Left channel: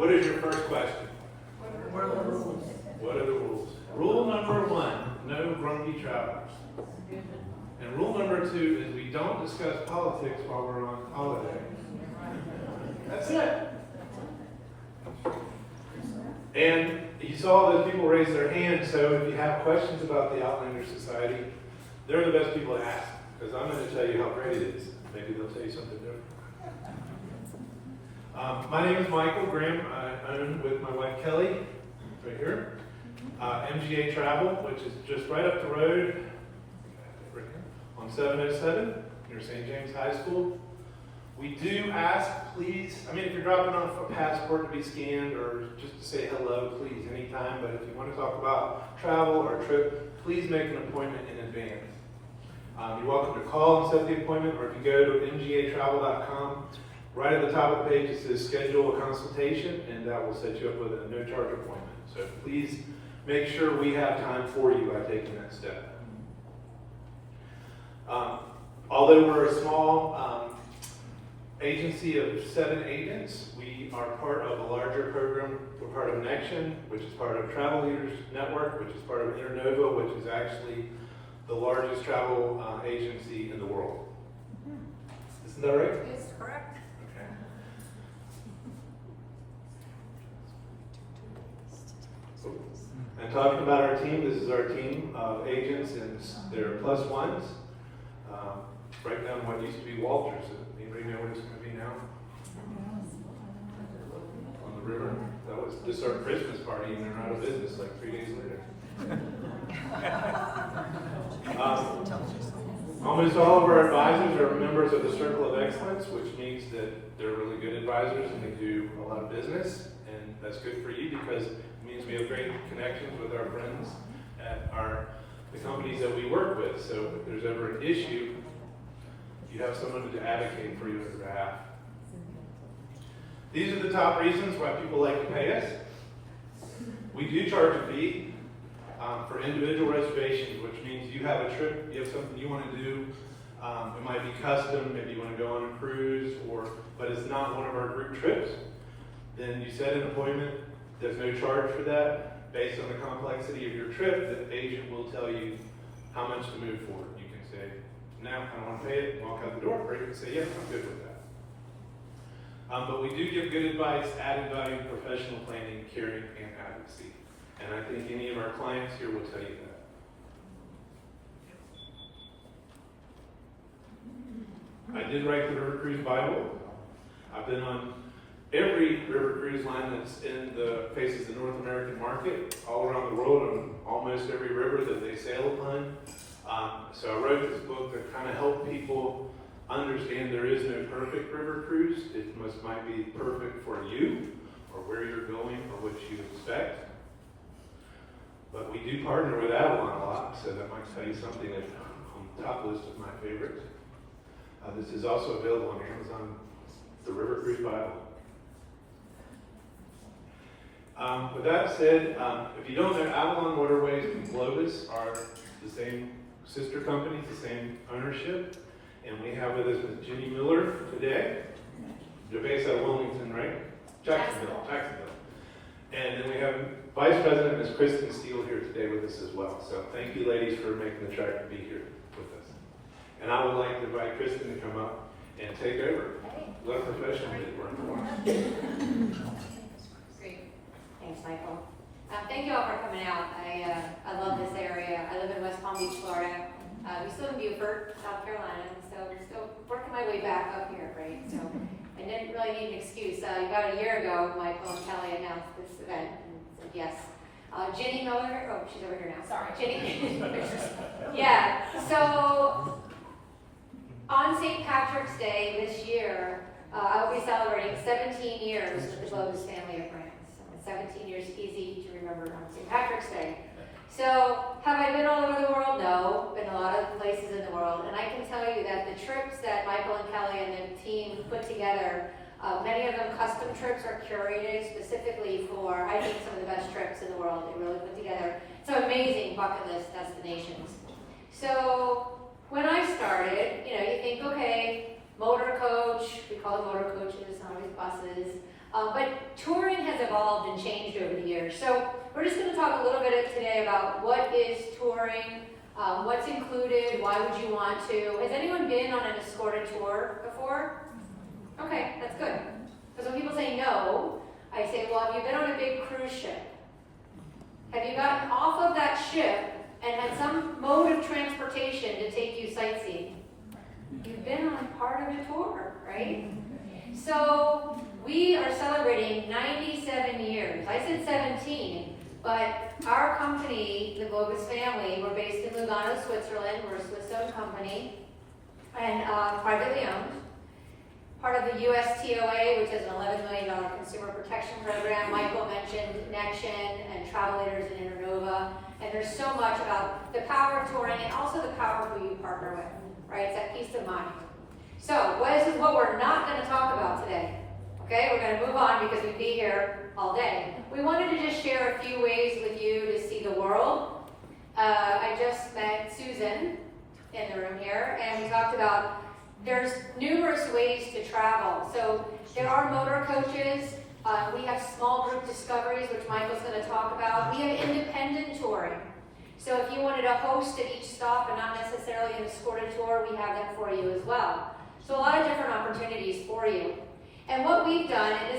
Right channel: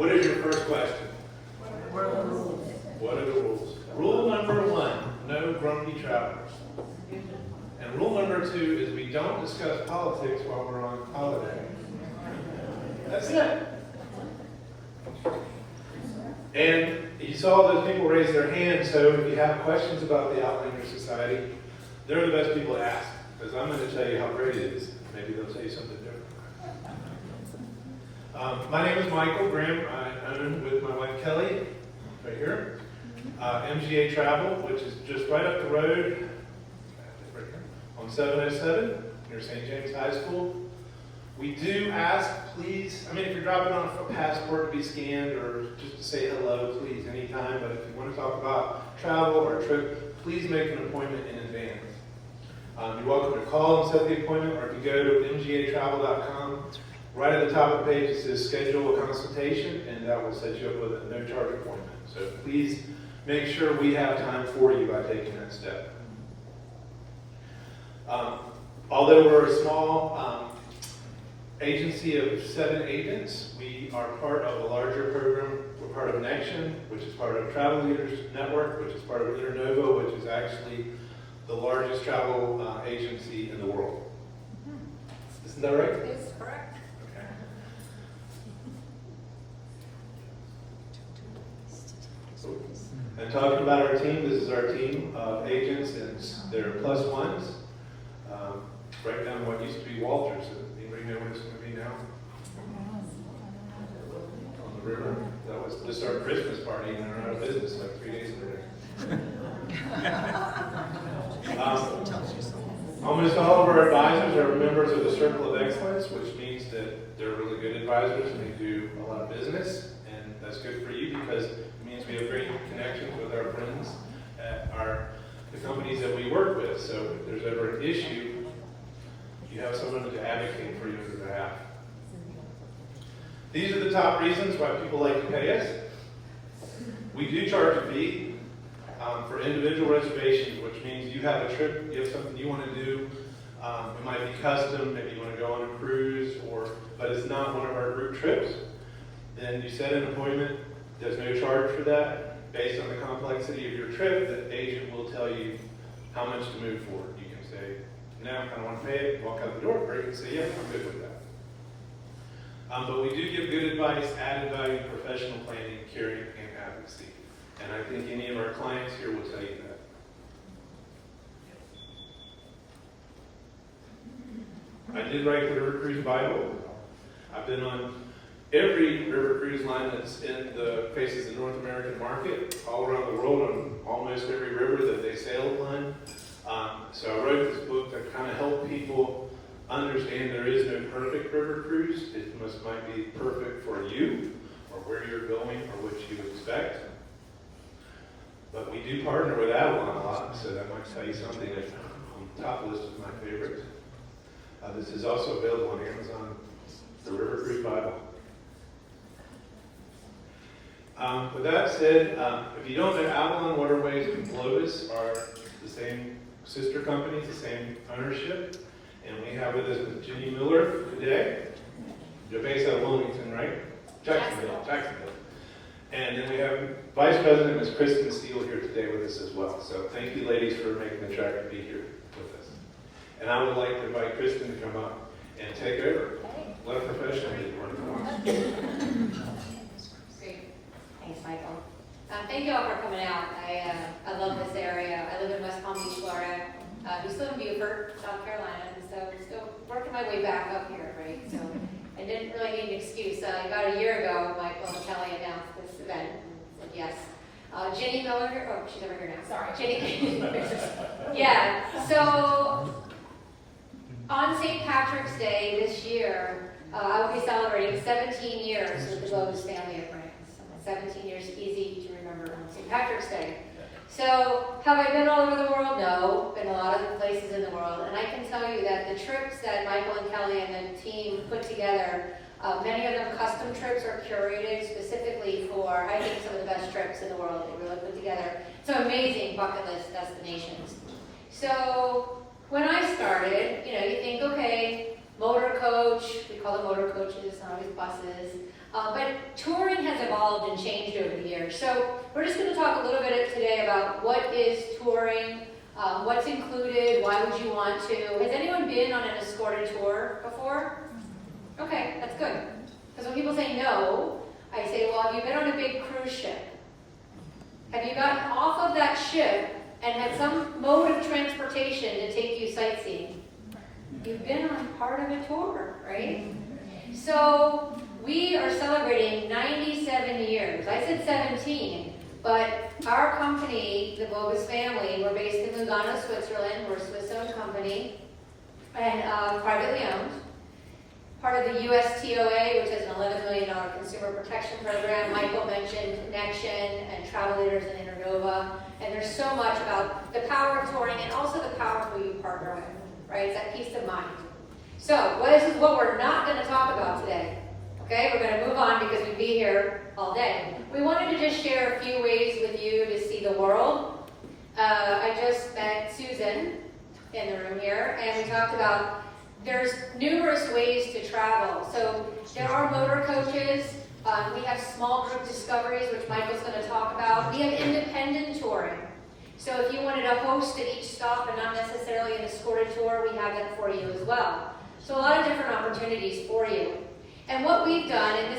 What is your first question? What are the rules? What are the rules? Rule number 1, no grumpy travelers. And rule number 2 is we don't discuss politics while we're on holiday. That's it. And you saw those people raise their hands, so if you have questions about the Outlander Society, they're the best people to ask, because I'm going to tell you how great it is. Maybe they'll tell you something different. My name is Michael Graham. I'm with my wife Kelly, right here. MGA Travel, which is just right up the road on 707 near St. James High School. We do ask, please, if you're dropping off a passport to be scanned or just to say hello, please, anytime. But if you want to talk about travel or a trip, please make an appointment in advance. You're welcome to call and set the appointment, or if you go to mgatravel.com, right at the top of the page it says schedule a consultation, and that will set you up with a no-charge appointment. So please make sure we have time for you by taking that step. Although we're a small agency of 7 agents, we are part of a larger program. We're part of Connection, which is part of Travel Leaders Network, which is part of Internova, which is actually the largest travel agency in the world. Isn't that right? It's correct. Okay. And talking about our team, this is our team of agents, and they're plus ones. Right down what used to be Walters. Anybody know where it's going to be now? On the river. That was just our Christmas party, and they're out of business like 3 days later. Almost all of our advisors are members of the Circle of Excellence, which means that they're really good advisors and they do a lot of business, and that's good for you because it means we have great connections with our friends at the companies that we work with. So if there's ever an issue, you have someone to advocate for you on your behalf. These are the top reasons why people like to pay us. We do charge a fee for individual reservations, which means you have a trip, you have something you want to do. It might be custom, maybe you want to go on a cruise, but it's not one of our group trips. Then you set an appointment. There's no charge for that. Based on the complexity of your trip, the agent will tell you how much to move forward. You can say, no, I don't want to pay it, walk out the door, or you can say, yeah, I'm good with that. But we do give good advice, added value, professional planning, caring, and advocacy. And I think any of our clients here will tell you that. I did write the River Cruise Bible. I've been on every river cruise line that's in the faces the North American market, all around the world, on almost every river that they sail upon. So I wrote this book to kind of help people understand there is no perfect river cruise. It might be perfect for you, or where you're going, or what you expect. But we do partner with Avalon a lot, so that might tell you something that's on the top list of my favorites. This is also available on Amazon, the River Cruise Bible. With that said, if you don't know, Avalon, Waterways, and Globus are the same sister companies, the same ownership. And we have with us Ms. Jenny Miller today. You're based out of Wilmington, right? Jacksonville. And then we have Vice President Ms. Kristen Steele here today with us as well. So thank you, ladies, for making the trek to be here with us. And I would like to invite Kristen to come up and take over. Hey. Let a professional do the work for us. Great. Thanks, Michael. Thank you all for coming out. I love this area. I live in West Palm Beach, Florida. We still in Beaufort, South Carolina, and so I'm still working my way back up here, right? So I didn't really need an excuse. About a year ago, Michael and Kelly announced this event and said yes. Jenny Miller, oh, she's over here now. Sorry, Jenny. Yeah. So on St. Patrick's Day this year, I will be celebrating 17 years with the Globus family of brands. 17 years easy to remember on St. Patrick's Day. So, have I been all over the world? No, been a lot of places in the world, and I can tell you that the trips that Michael and Kelly and the team put together, many of them custom trips are curated specifically for, I think, some of the best trips in the world. They really put together some amazing bucket list destinations. So, when I started, you think, okay, motor coach, we call them motor coaches, not always buses. But touring has evolved and changed over the years. So we're just going to talk a little bit today about what is touring, what's included, why would you want to. Has anyone been on an escorted tour before? Okay, that's good. Because when people say no, I say, well, have you been on a big cruise ship? Have you gotten off of that ship and had some mode of transportation to take you sightseeing? You've been on part of a tour, right? So we are celebrating 97 years. I said 17, but our company, the Globus family, we're based in Lugano, Switzerland. We're a Swiss-owned company and privately owned. Part of the USTOA, which is an $11 million consumer protection program. Michael mentioned Connection and Travel Leaders and Internova. And there's so much about the power of touring and also the power of who you partner with, right? It's that peace of mind. So what we're not going to talk about today. Okay, we're going to move on because we'd be here all day. We wanted to just share a few ways with you to see the world. I just met Susan in the room here, and we talked about there's numerous ways to travel. So there are motor coaches. We have small group discoveries, which Michael's going to talk about. We have independent touring. So if you wanted a host at each stop and not necessarily an escorted tour, we have that for you as well. So a lot of different opportunities for you. And what we've done, and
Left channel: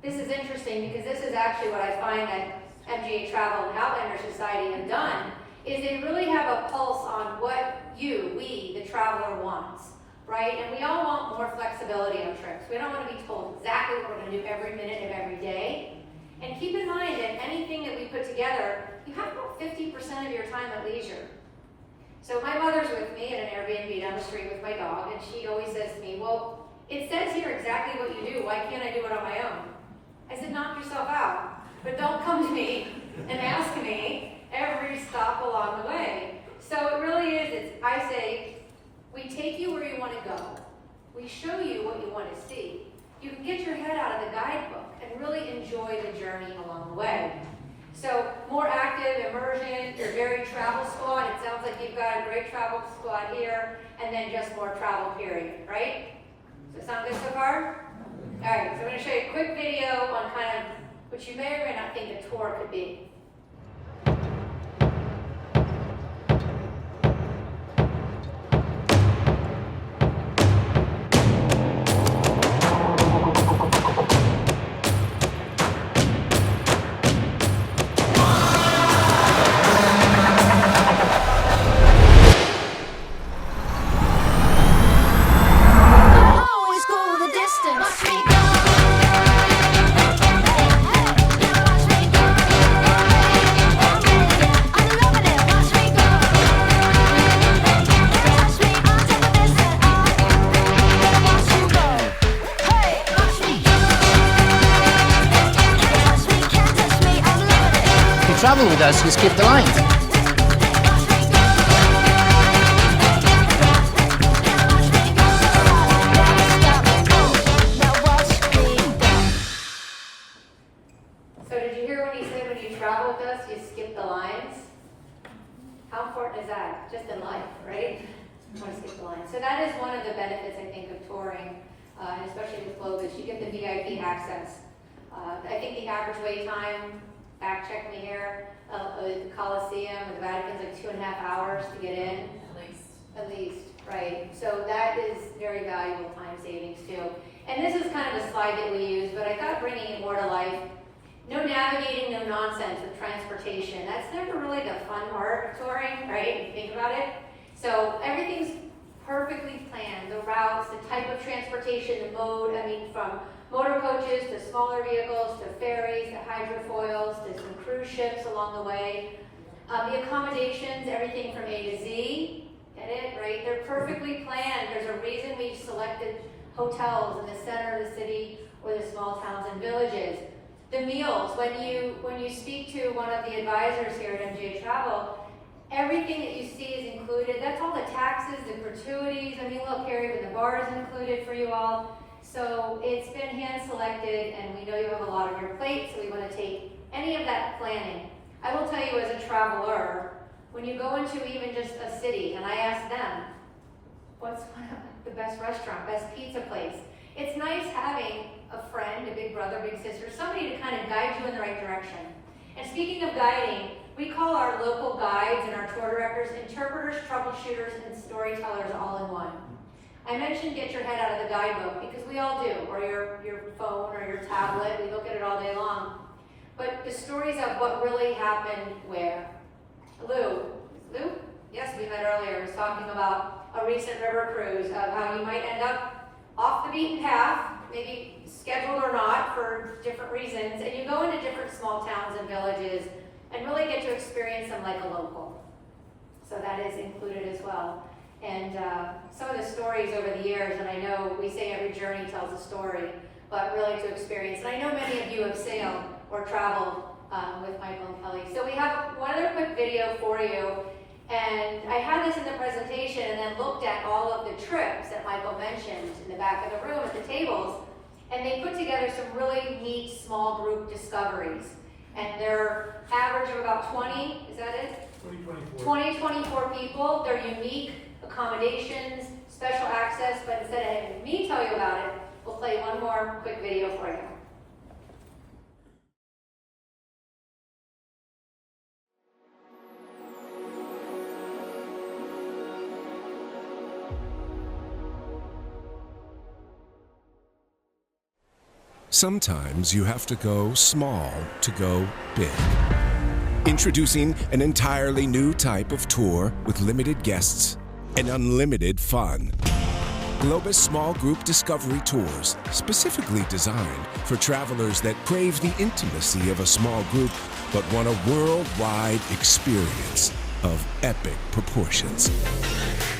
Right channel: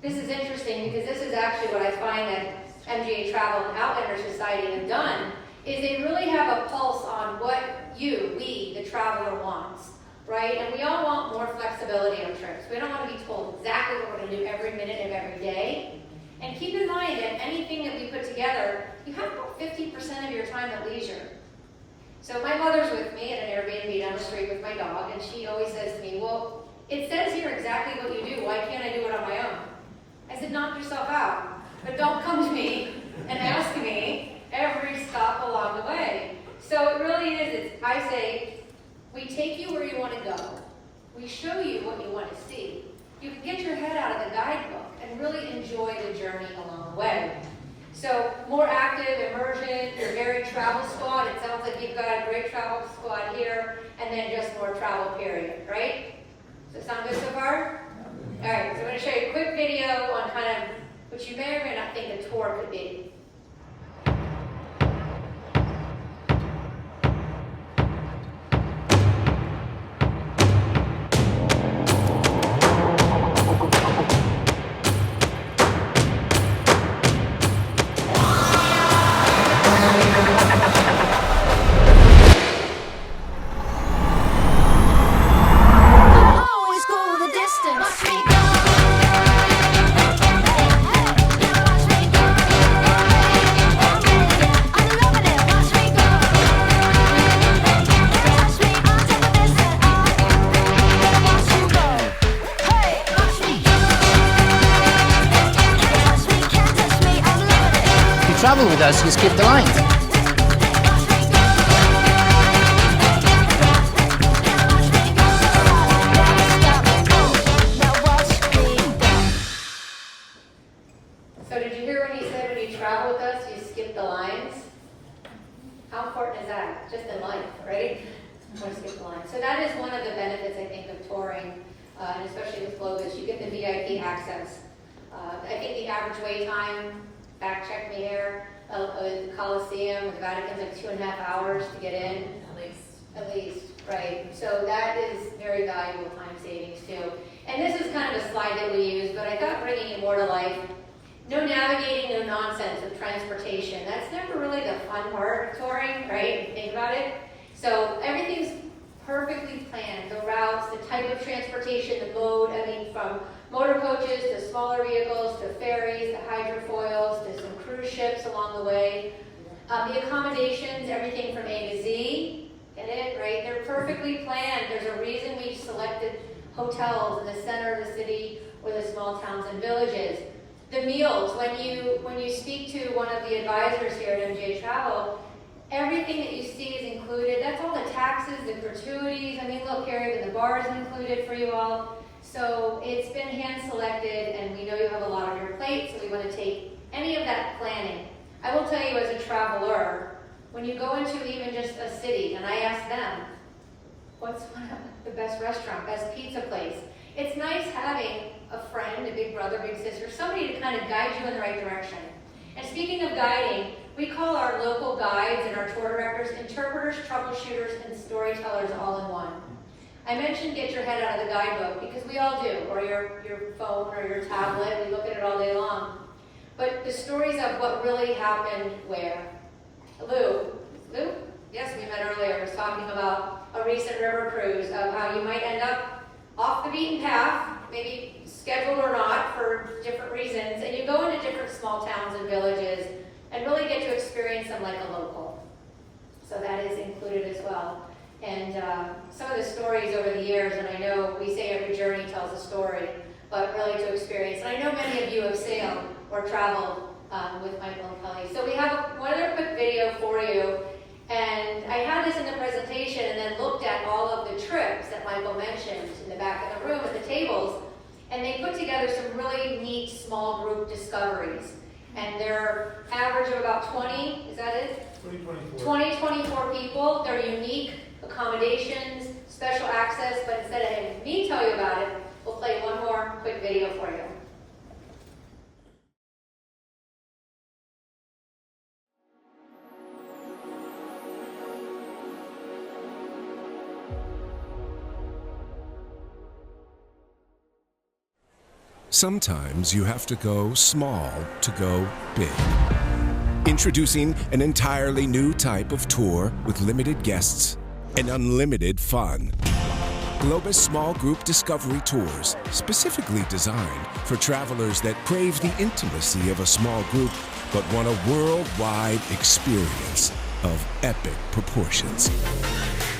this is interesting because this is actually what I find that MGA Travel and Outlander Society have done, is they really have a pulse on what we, the traveler, wants. Right? And we all want more flexibility on trips. We don't want to be told exactly what we're going to do every minute of every day. And keep in mind that anything that we put together, you have about 50% of your time at leisure. So my mother's with me at an Airbnb down the street with my dog, and she always says to me, well, it says here exactly what you do. Why can't I do it on my own? I said, knock yourself out. But don't come to me and ask me every stop along the way. So it really is, I say, we take you where you want to go. We show you what you want to see. You can get your head out of the guidebook and really enjoy the journey along the way. So more active, immersion, your varied travel squad. It sounds like you've got a great travel squad here, and then just more travel period, right? Does it sound good so far? All right, so I'm going to show you a quick video on kind of what you may or may not think a tour could be. Travel with us, you skip the line. So did you hear what he said when you travel with us, you skip the lines? How important is that? Just in life, right? You want to skip the lines. So that is one of the benefits, I think, of touring, and especially with Globus. You get the VIP access. I think the average wait time, fact check me here, the Coliseum, the Vatican's like 2.5 hours to get in. At least, right. So that is very valuable time savings too. And this is kind of a slide that we use, but I thought bringing it more to life. No navigating, no nonsense with transportation. That's never really the fun part of touring, right? Think about it. So everything's perfectly planned. The routes, the type of transportation, the mode, from motor coaches to smaller vehicles to ferries to hydrofoils to some cruise ships along the way. The accommodations, everything from A to Z, get it, right? They're perfectly planned. There's a reason we've selected hotels in the center of the city or the small towns and villages. The meals, when you speak to one of the advisors here at MGA Travel, everything that you see is included. That's all the taxes, the gratuities. Look here, even the bar is included for you all. So it's been hand selected, and we know you have a lot on your plate, so we want to take any of that planning. I will tell you as a traveler, when you go into even just a city, and I ask them, what's the best restaurant, best pizza place? It's nice having a friend, a big brother, big sister, somebody to kind of guide you in the right direction. And speaking of guiding, we call our local guides and our tour directors interpreters, troubleshooters, and storytellers all in one. I mentioned get your head out of the guidebook because we all do, or your phone or your tablet, we look at it all day long. But the stories of what really happened where? Lou? Yes, we met earlier, was talking about a recent river cruise of how you might end up off the beaten path, maybe scheduled or not for different reasons, and you go into different small towns and villages and really get to experience them like a local. So that is included as well. And some of the stories over the years, and I know we say every journey tells a story, but really to experience. And I know many of you have sailed or traveled with Michael and Kelly. So we have one other quick video for you. And I had this in the presentation and then looked at all of the trips that Michael mentioned in the back of the room at the tables. And they put together some really neat small group discoveries. And they're average of about 20, is that it? 24 people. They're unique accommodations, special access, but instead of having me tell you about it, we'll play one more quick video for you. Sometimes you have to go small to go big. Introducing an entirely new type of tour with limited guests and unlimited fun. Globus Small Group Discovery Tours, specifically designed for travelers that crave the intimacy of a small group but want a worldwide experience of epic proportions.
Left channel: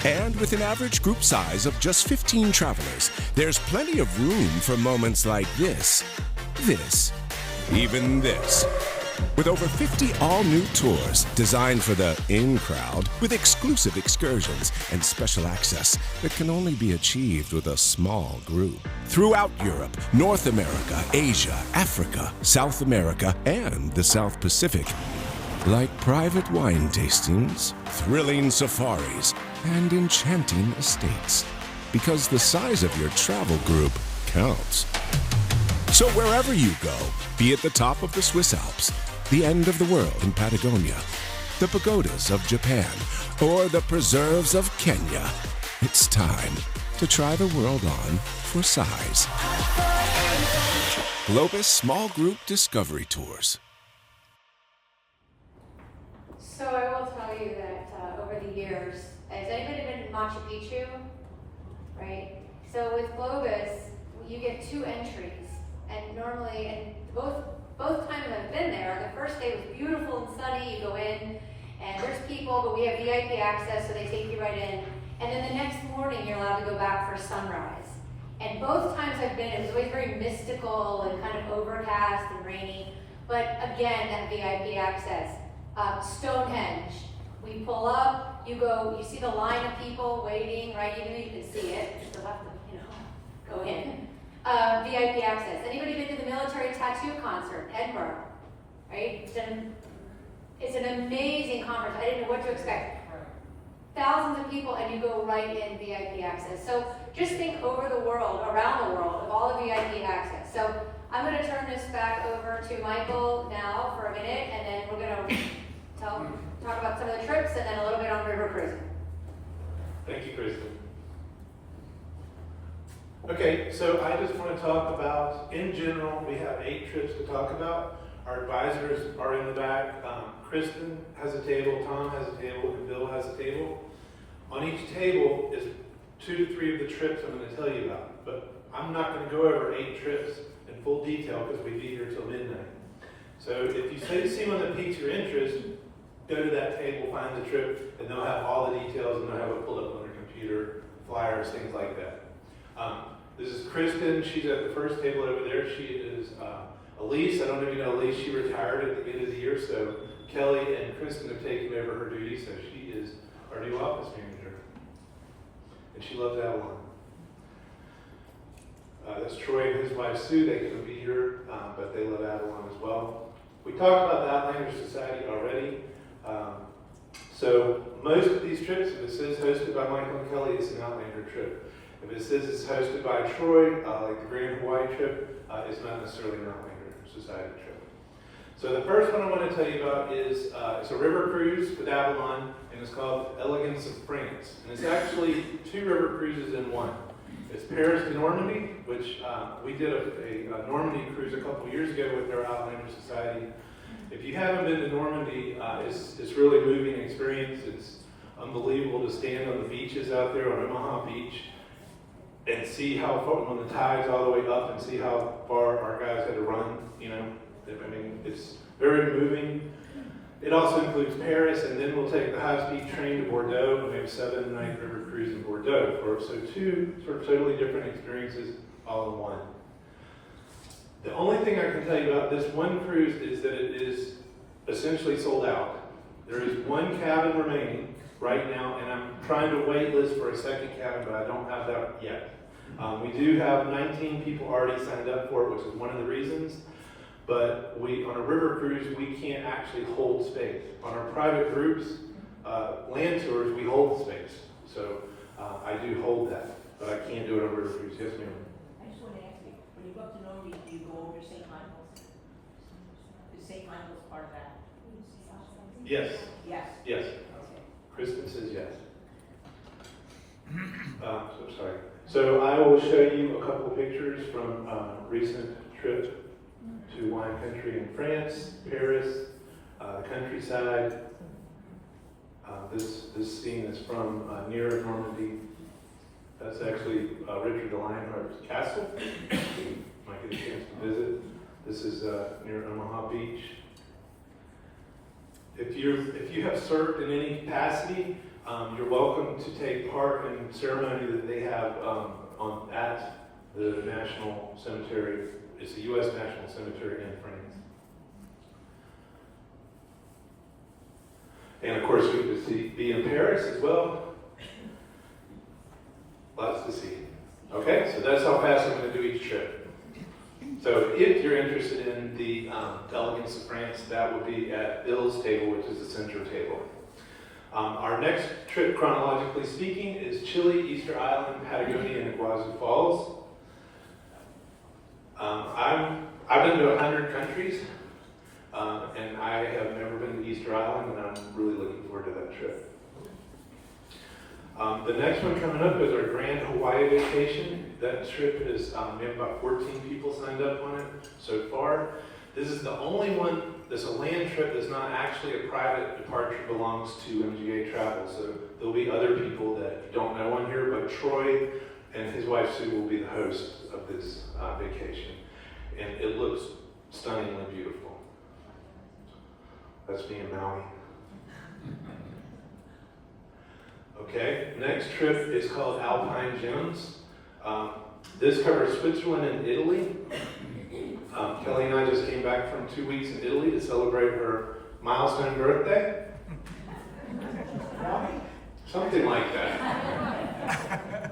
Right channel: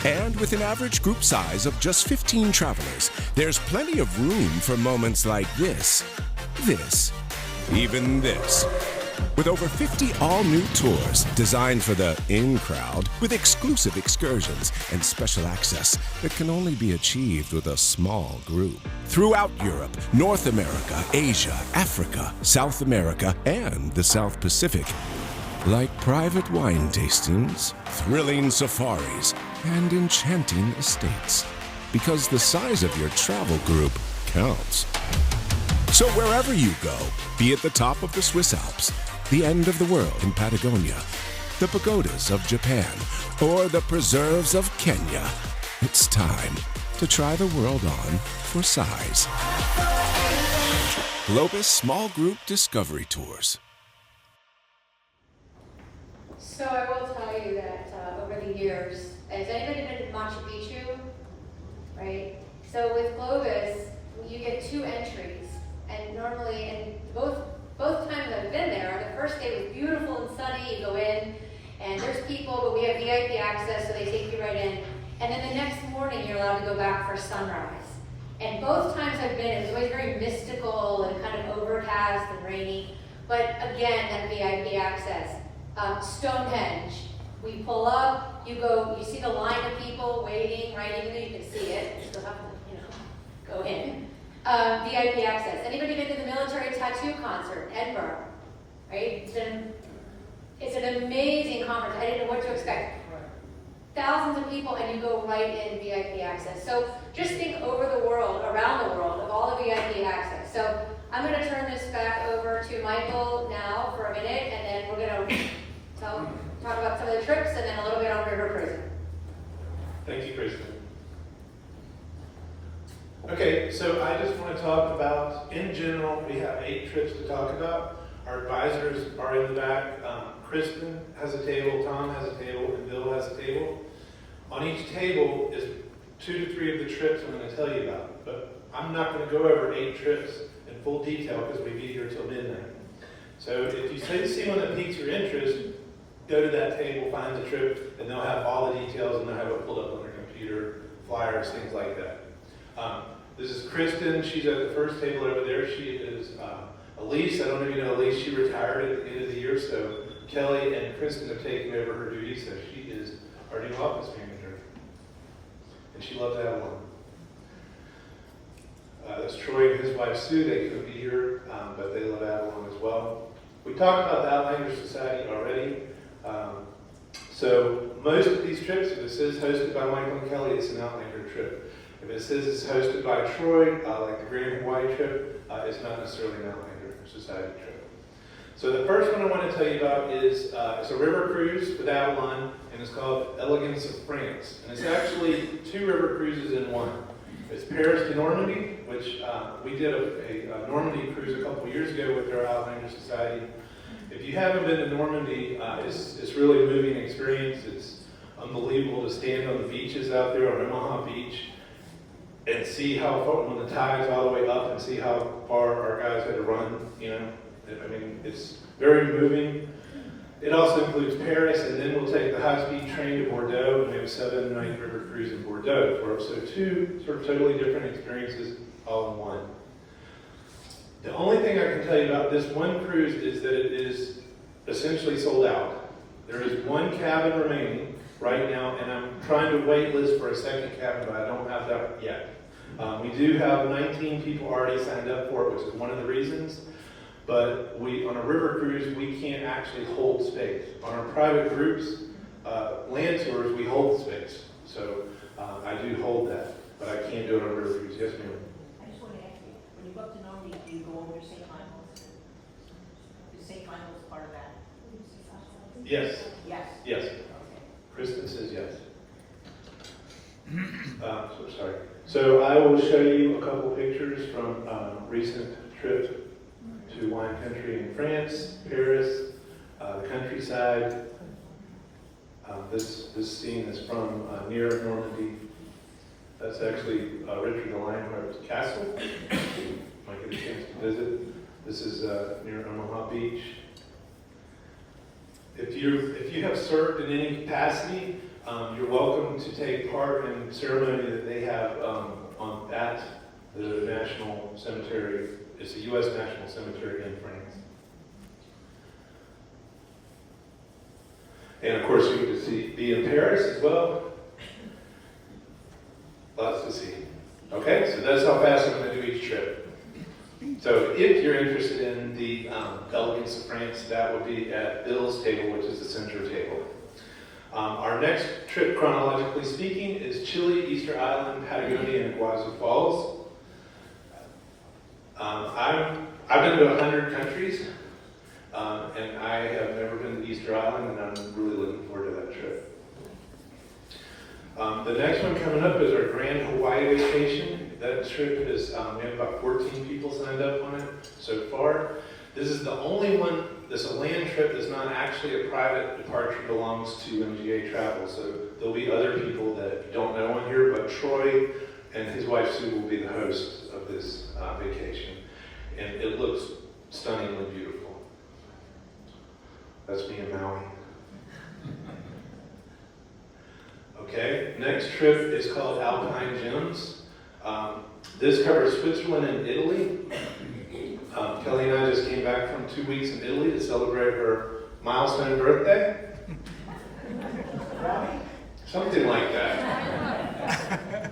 And with an average group size of just 15 travelers, there's plenty of room for moments like this, even this. With over 50 all-new tours designed for the in-crowd, with exclusive excursions and special access that can only be achieved with a small group. Throughout Europe, North America, Asia, Africa, South America, and the South Pacific. Like private wine tastings, thrilling safaris, and enchanting estates. Because the size of your travel group counts. So wherever you go, be it the top of the Swiss Alps, the end of the world in Patagonia, the pagodas of Japan, or the preserves of Kenya, it's time to try the world on for size. Globus Small Group Discovery Tours. So I will tell you that over the years, has anybody been to Machu Picchu? Right? So with Globus, you get 2 entries, and normally, and both times I've been there, the first day was beautiful and sunny, you go in, and there's people, but we have VIP access, so they take you right in, and then the next morning you're allowed to go back for sunrise. And both times I've been, it was always very mystical and kind of overcast and rainy, but again, that VIP access. Stonehenge, we pull up, you see the line of people waiting, right? Even though you can see it, you still have to, go in. VIP access. Anybody been to the military tattoo concert, Edinburgh? Right? It's an amazing conference. I didn't know what to expect. Thousands of people, and you go right in VIP access. So just think over the world, around the world, of all the VIP access. So I'm going to turn this back over to Michael now for a minute, and then we're going to talk about some of the trips and then a little bit on river cruising. Thank you, Kristen. Okay, so I just want to talk about, in general, we have 8 trips to talk about. Our advisors are in the back. Kristen has a table, Tom has a table, and Bill has a table. On each table is 2 to 3 of the trips I'm going to tell you about, but I'm not going to go over 8 trips in full detail because we'd be here till midnight. So if you see one that piques your interest, go to that table, find the trip, and they'll have all the details and they'll have it pulled up on their computer, flyers, things like that. This is Kristen. She's at the first table over there. She is Elise. I don't know if you know Elise. She retired at the end of the year, so Kelly and Kristen have taken over her duties, so she is our new office manager. And she loves Avalon. That's Troy and his wife Sue. They couldn't be here, but they love Avalon as well. We talked about the Outlander Society already. So most of these trips, this is hosted by Michael and Kelly, it's an Outlander trip. If it says it's hosted by Troy, like the Grand Hawaii trip, it's not necessarily an Outlander Society trip. So the first one I want to tell you about is it's a river cruise with Avalon, and it's called Elegance of France. And it's actually 2 river cruises in one. It's Paris to Normandy, which we did a Normandy cruise a couple years ago with our Outlander Society. If you haven't been to Normandy, it's really a moving experience. It's unbelievable to stand on the beaches out there on Omaha Beach and see how far, when the tide's all the way up, and see how far our guys had to run, you know. I mean, it's very moving. It also includes Paris, and then we'll take the high-speed train to Bordeaux, and we have a 7-night river cruise in Bordeaux. So 2 sort of totally different experiences all in one. The only thing I can tell you about this one cruise is that it is essentially sold out. There is 1 cabin remaining right now, and I'm trying to wait list for a second cabin, but I don't have that yet. We do have 19 people already signed up for it, which is one of the reasons. But on a river cruise, we can't actually hold space. On our private groups, land tours, we hold space. So I do hold that, but I can't do it on a river cruise. Yes, ma'am? I just want to ask you, when you go up to Normandy, do you go over to St. Michael's? Is St. Michael's part of that? Yes. Yes. Yes. Okay. Kristen says yes. So sorry. So I will show you a couple pictures from recent trip to wine country in France, Paris, the countryside. This scene is from near Normandy. That's actually Richard the Lionheart's castle. Might get a chance to visit. This is near Omaha Beach. If you have served in any capacity, you're welcome to take part in the ceremony that they have at the National Cemetery. It's a U.S. National Cemetery in France. And of course, you get to be in Paris as well. Lots to see. Okay, so that's how fast I'm going to do each trip. So if you're interested in the Elegance of France, that would be at Bill's table, which is the center table. Our next trip, chronologically speaking, is Chile, Easter Island, Patagonia, and Iguazu Falls. I've been to 100 countries, and I have never been to Easter Island, and I'm really looking forward to that trip. The next one coming up is our Grand Hawaii vacation. That trip is, we have about 14 people signed up on it so far. This is the only one, this is a land trip that's not actually a private departure, belongs to MGA Travel. So there'll be other people that don't know on here, but Troy and his wife Sue will be the hosts of this vacation. And it looks stunningly beautiful. That's me in Maui. Okay, next trip is called Alpine Gems. This covers Switzerland and Italy. Kelly and I just came back from 2 weeks in Italy to celebrate her milestone birthday. Something like that.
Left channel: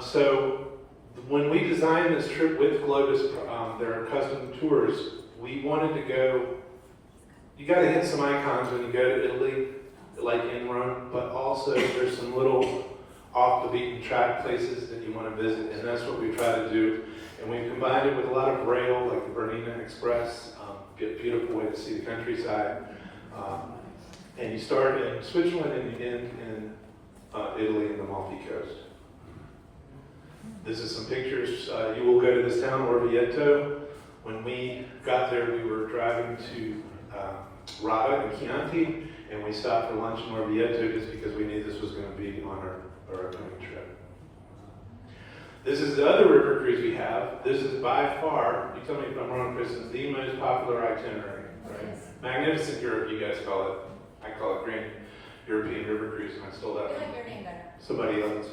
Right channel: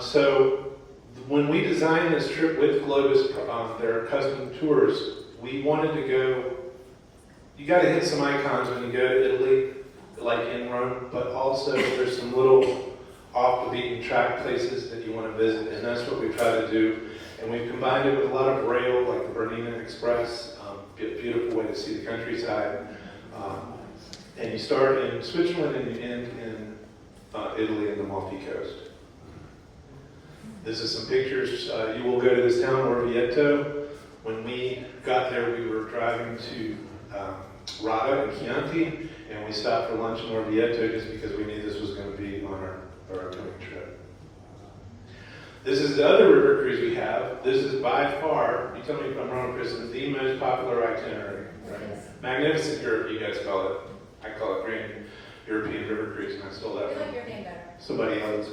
So when we designed this trip with Globus, their custom tours, we wanted to go, you got to hit some icons when you go to Italy, like in Rome, but also there's some little off the beaten track places that you want to visit, and that's what we try to do. And we've combined it with a lot of rail, like the Bernina Express, a beautiful way to see the countryside. And you start in Switzerland and you end in Italy and the Amalfi Coast. This is some pictures. You will go to this town, Orvieto. When we got there, we were driving to Rada and Chianti, and we stopped for lunch in Orvieto just because we knew this was going to be on our upcoming trip. This is the other river cruise we have. This is by far, you tell me if I'm wrong, Chris, it's the most popular itinerary, right? Yes. Magnificent Europe, you guys call it. I call it Grand European River Cruise, and I stole that You from like your name better. somebody else.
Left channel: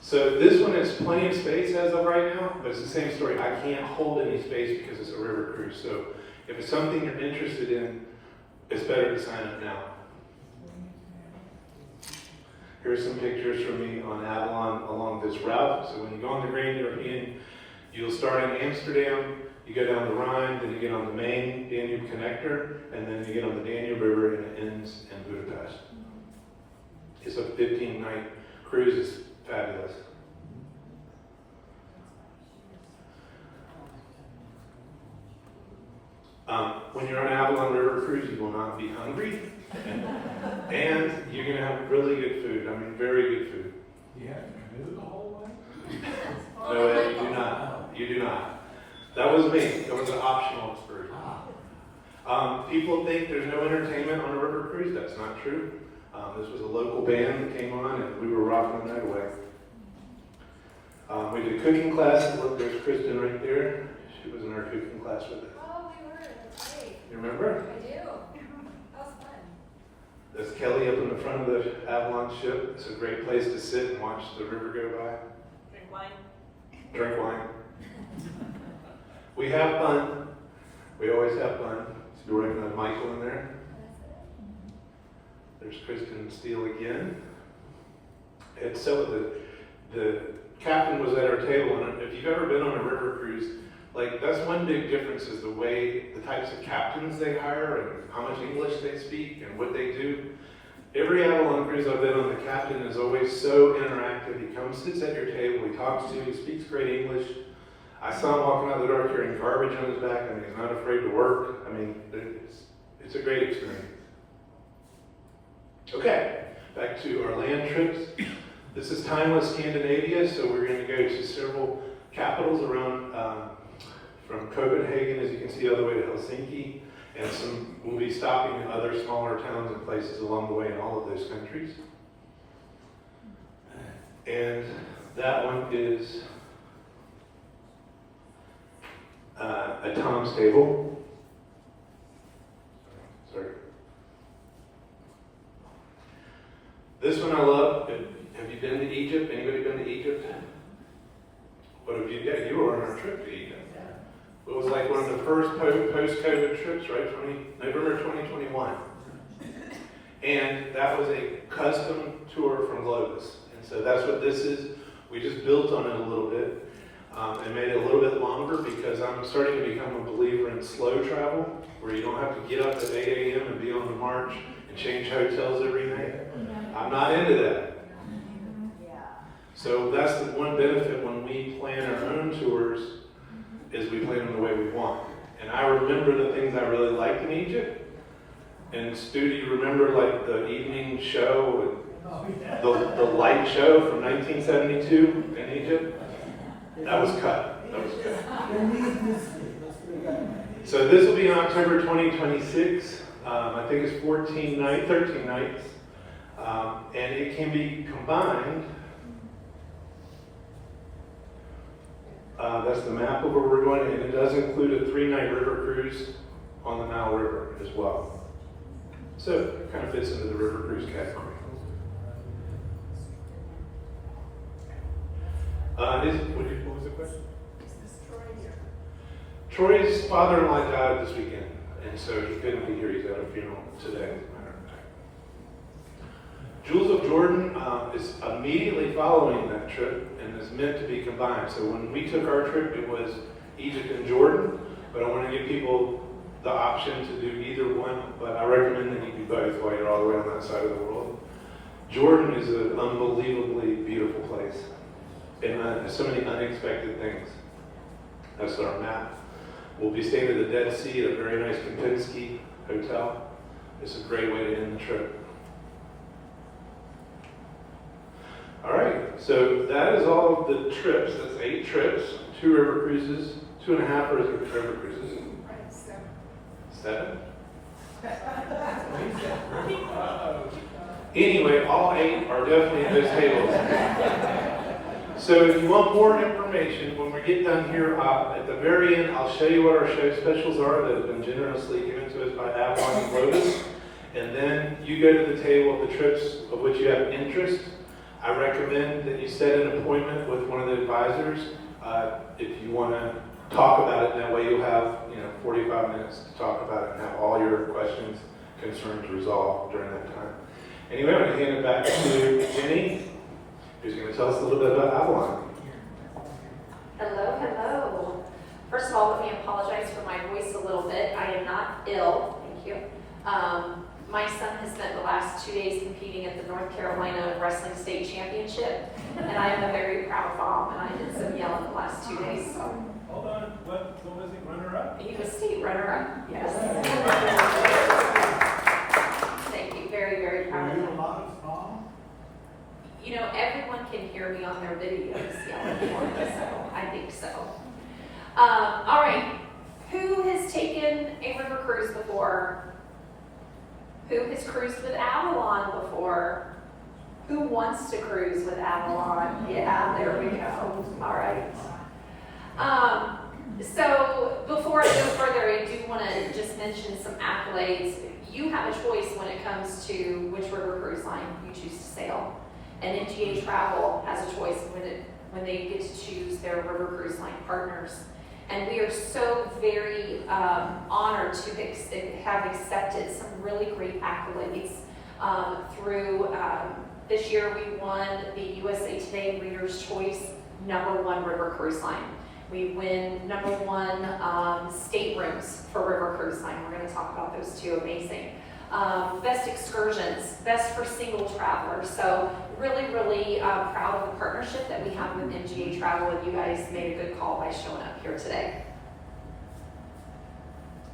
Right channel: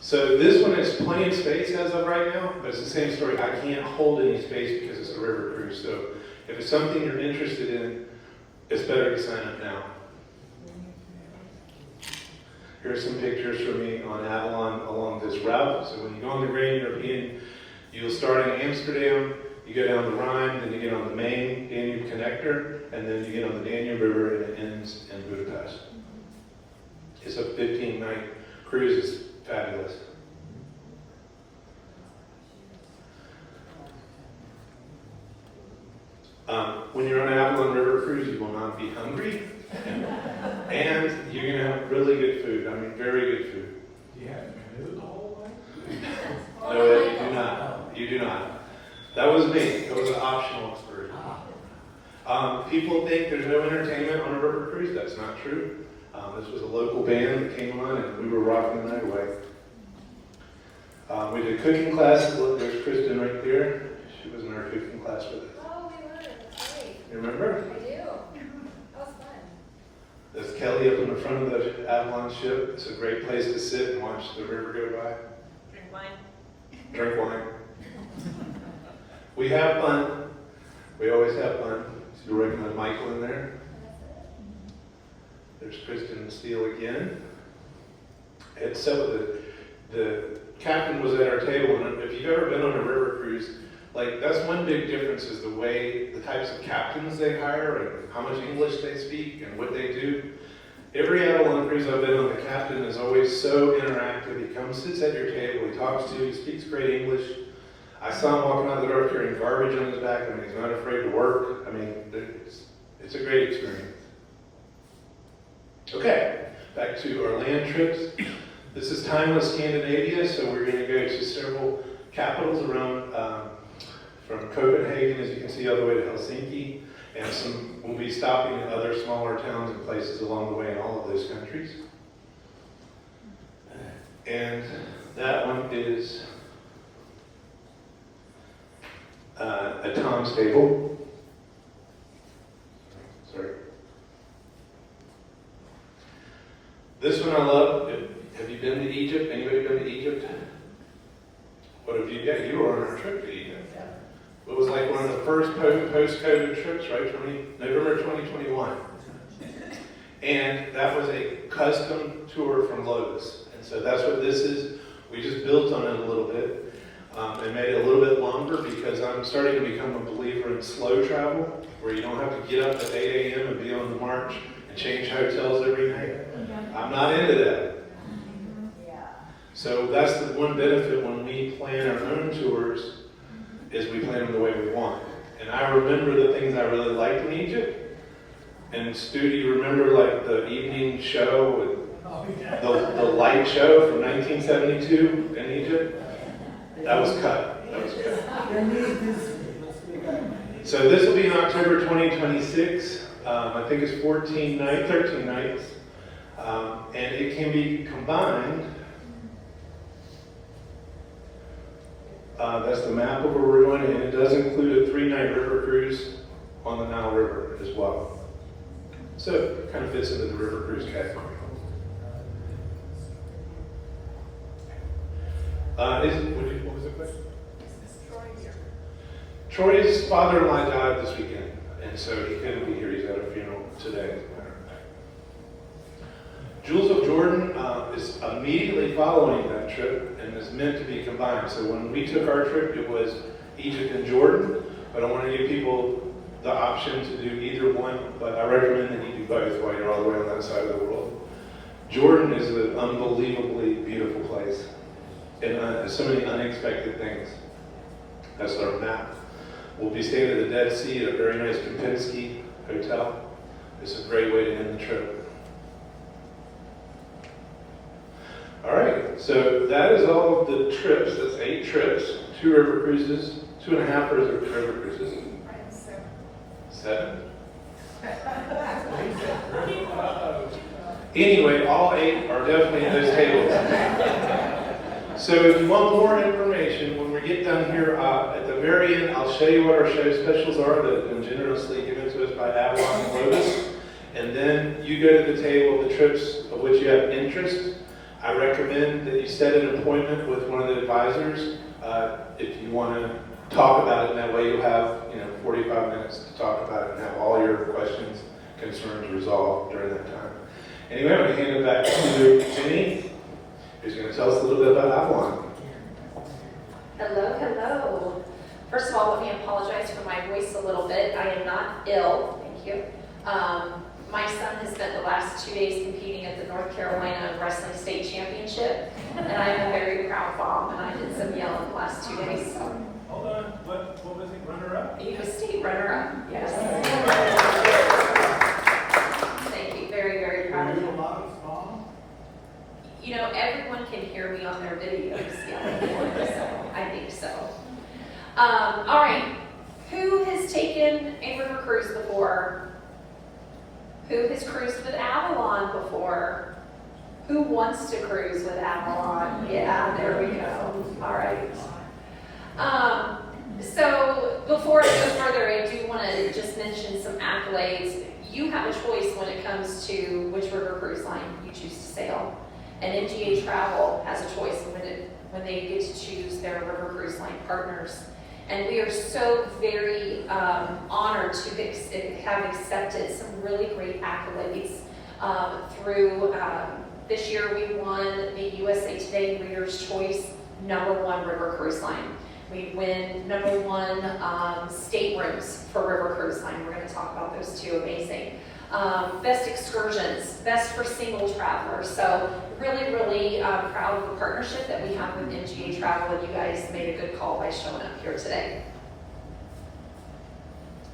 So this one has plenty of space as of right now, but it's the same story. I can't hold any space because it's a river cruise. So if it's something you're interested in, it's better to sign up now. Here's some pictures from me on Avalon along this route. So when you go on the Grand European, you'll start in Amsterdam, you go down the Rhine, then you get on the main Danube connector, and then you get on the Danube River and it ends in Budapest. It's a 15-night cruise is fabulous. When you're on an Avalon River cruise, you will not be hungry, and you're going to have really good food. I mean, very good food. You have to canoe the whole way? No, Ed, you do not. You do not. That was me. It was an optional excursion. People think there's no entertainment on a river cruise. That's not true. This was a local band that came on, and we were rocking the night away. We did cooking classes. Look, there's Kristen right there. She was in our cooking class with us. Oh, we were, that's great. You remember? I do. That was fun. There's Kelly up in the front of the Avalon ship. It's a great place to sit and watch the river go by. Drink wine. Drink wine. We have fun. We always have fun. So you're working on Michael in there. There's Kristen Steele again. And so the captain was at our table, and if you've ever been on a river cruise, like that's one big difference is the way, the types of captains they hire and how much English they speak and what they do. Every Avalon cruise I've been on, the captain is always so interactive. He comes, sits at your table, he talks to you, he speaks great English. I saw him walking out the door carrying garbage on his back. I mean, he's not afraid to work. I mean, it's a great experience. Okay, back to our land trips. This is timeless Scandinavia, so we're going to go to several capitals around, from Copenhagen, as you can see, all the way to Helsinki, and we'll be stopping in other smaller towns and places along the way in all of those countries. And that one is a Tom's table. Sorry. This one I love. Have you been to Egypt? Anybody been to Egypt? What have you done? You were on our trip to Egypt. It was like one of the first post-COVID trips, right? November 2021. And that was a custom tour from Globus. And so that's what this is. We just built on it a little bit. And made it a little bit longer because I'm starting to become a believer in slow travel, where you don't have to get up at 8 a.m. and be on the march and change hotels every night. I'm not into that. So that's the one benefit when we plan our own tours, is we plan them the way we want. And I remember the things I really liked in Egypt. And Stu, do you remember like the evening show, with the light show from 1972 in Egypt? That was cut. That was cut. So this will be in October 2026. I think it's 13 nights. And it can be combined. That's the map of where we're going, and it does include a 3-night river cruise on the Nile River as well. So it kind of fits into the river cruise category. What was the question? Is this Troy here? Troy's father-in-law died this weekend, and so he couldn't be here. He's at a funeral today, as a matter of fact. Jewels of Jordan is immediately following that trip and is meant to be combined. So when we took our trip, it was Egypt and Jordan, but I want to give people the option to do either one, but I recommend that you do both while you're all the way on that side of the world. Jordan is an unbelievably beautiful place, and so many unexpected things. That's our map. We'll be staying at the Dead Sea at a very nice Kempinski hotel. It's a great way to end the trip. All right, so that is all of the trips. That's 8 trips, 2 river cruises, 2.5 river cruises. 7. Anyway, all 8 are definitely in those tables. So if you want more information, when we get done here at the very end, I'll show you what our show specials are that have been generously given to us by Avalon and Globus. And then you go to the table of the trips of which you have interest. I recommend that you set an appointment with one of the advisors if you want to talk about it. And that way you'll have 45 minutes to talk about it and have all your questions, concerns resolved during that time. Anyway, I'm going to hand it back to Jenny, who's going to tell us a little bit about Avalon. Hello. First of all, let me apologize for my voice a little bit. I am not ill, thank you. my son has spent the last 2 days competing at the North Carolina Wrestling State Championship, and I'm a very proud mom, and I did some yelling the last 2 days, so. Hold on, what was he, runner-up? He was state runner-up, yes. Thank you, very, very proud of Were you him. a modest mom? You know, everyone can hear me on their videos yelling, so I think so. All right, who has taken a river cruise before? Who has cruised with Avalon before? Who wants to cruise with Avalon? Yeah, there we go. All right. So before I go further, I do want to just mention some accolades. You have a choice when it comes to which river cruise line you choose to sail. And MGA Travel has a choice when they get to choose their river cruise line partners. And we are so very honored to have accepted some really great accolades through this year. We won the USA Today Reader's Choice #1 river cruise line. We win #1 staterooms for river cruise line. We're going to talk about those two. Amazing. Best excursions, best for single travelers. So really, really proud of the partnership that we have with MGA Travel, and you guys made a good call by showing up here today.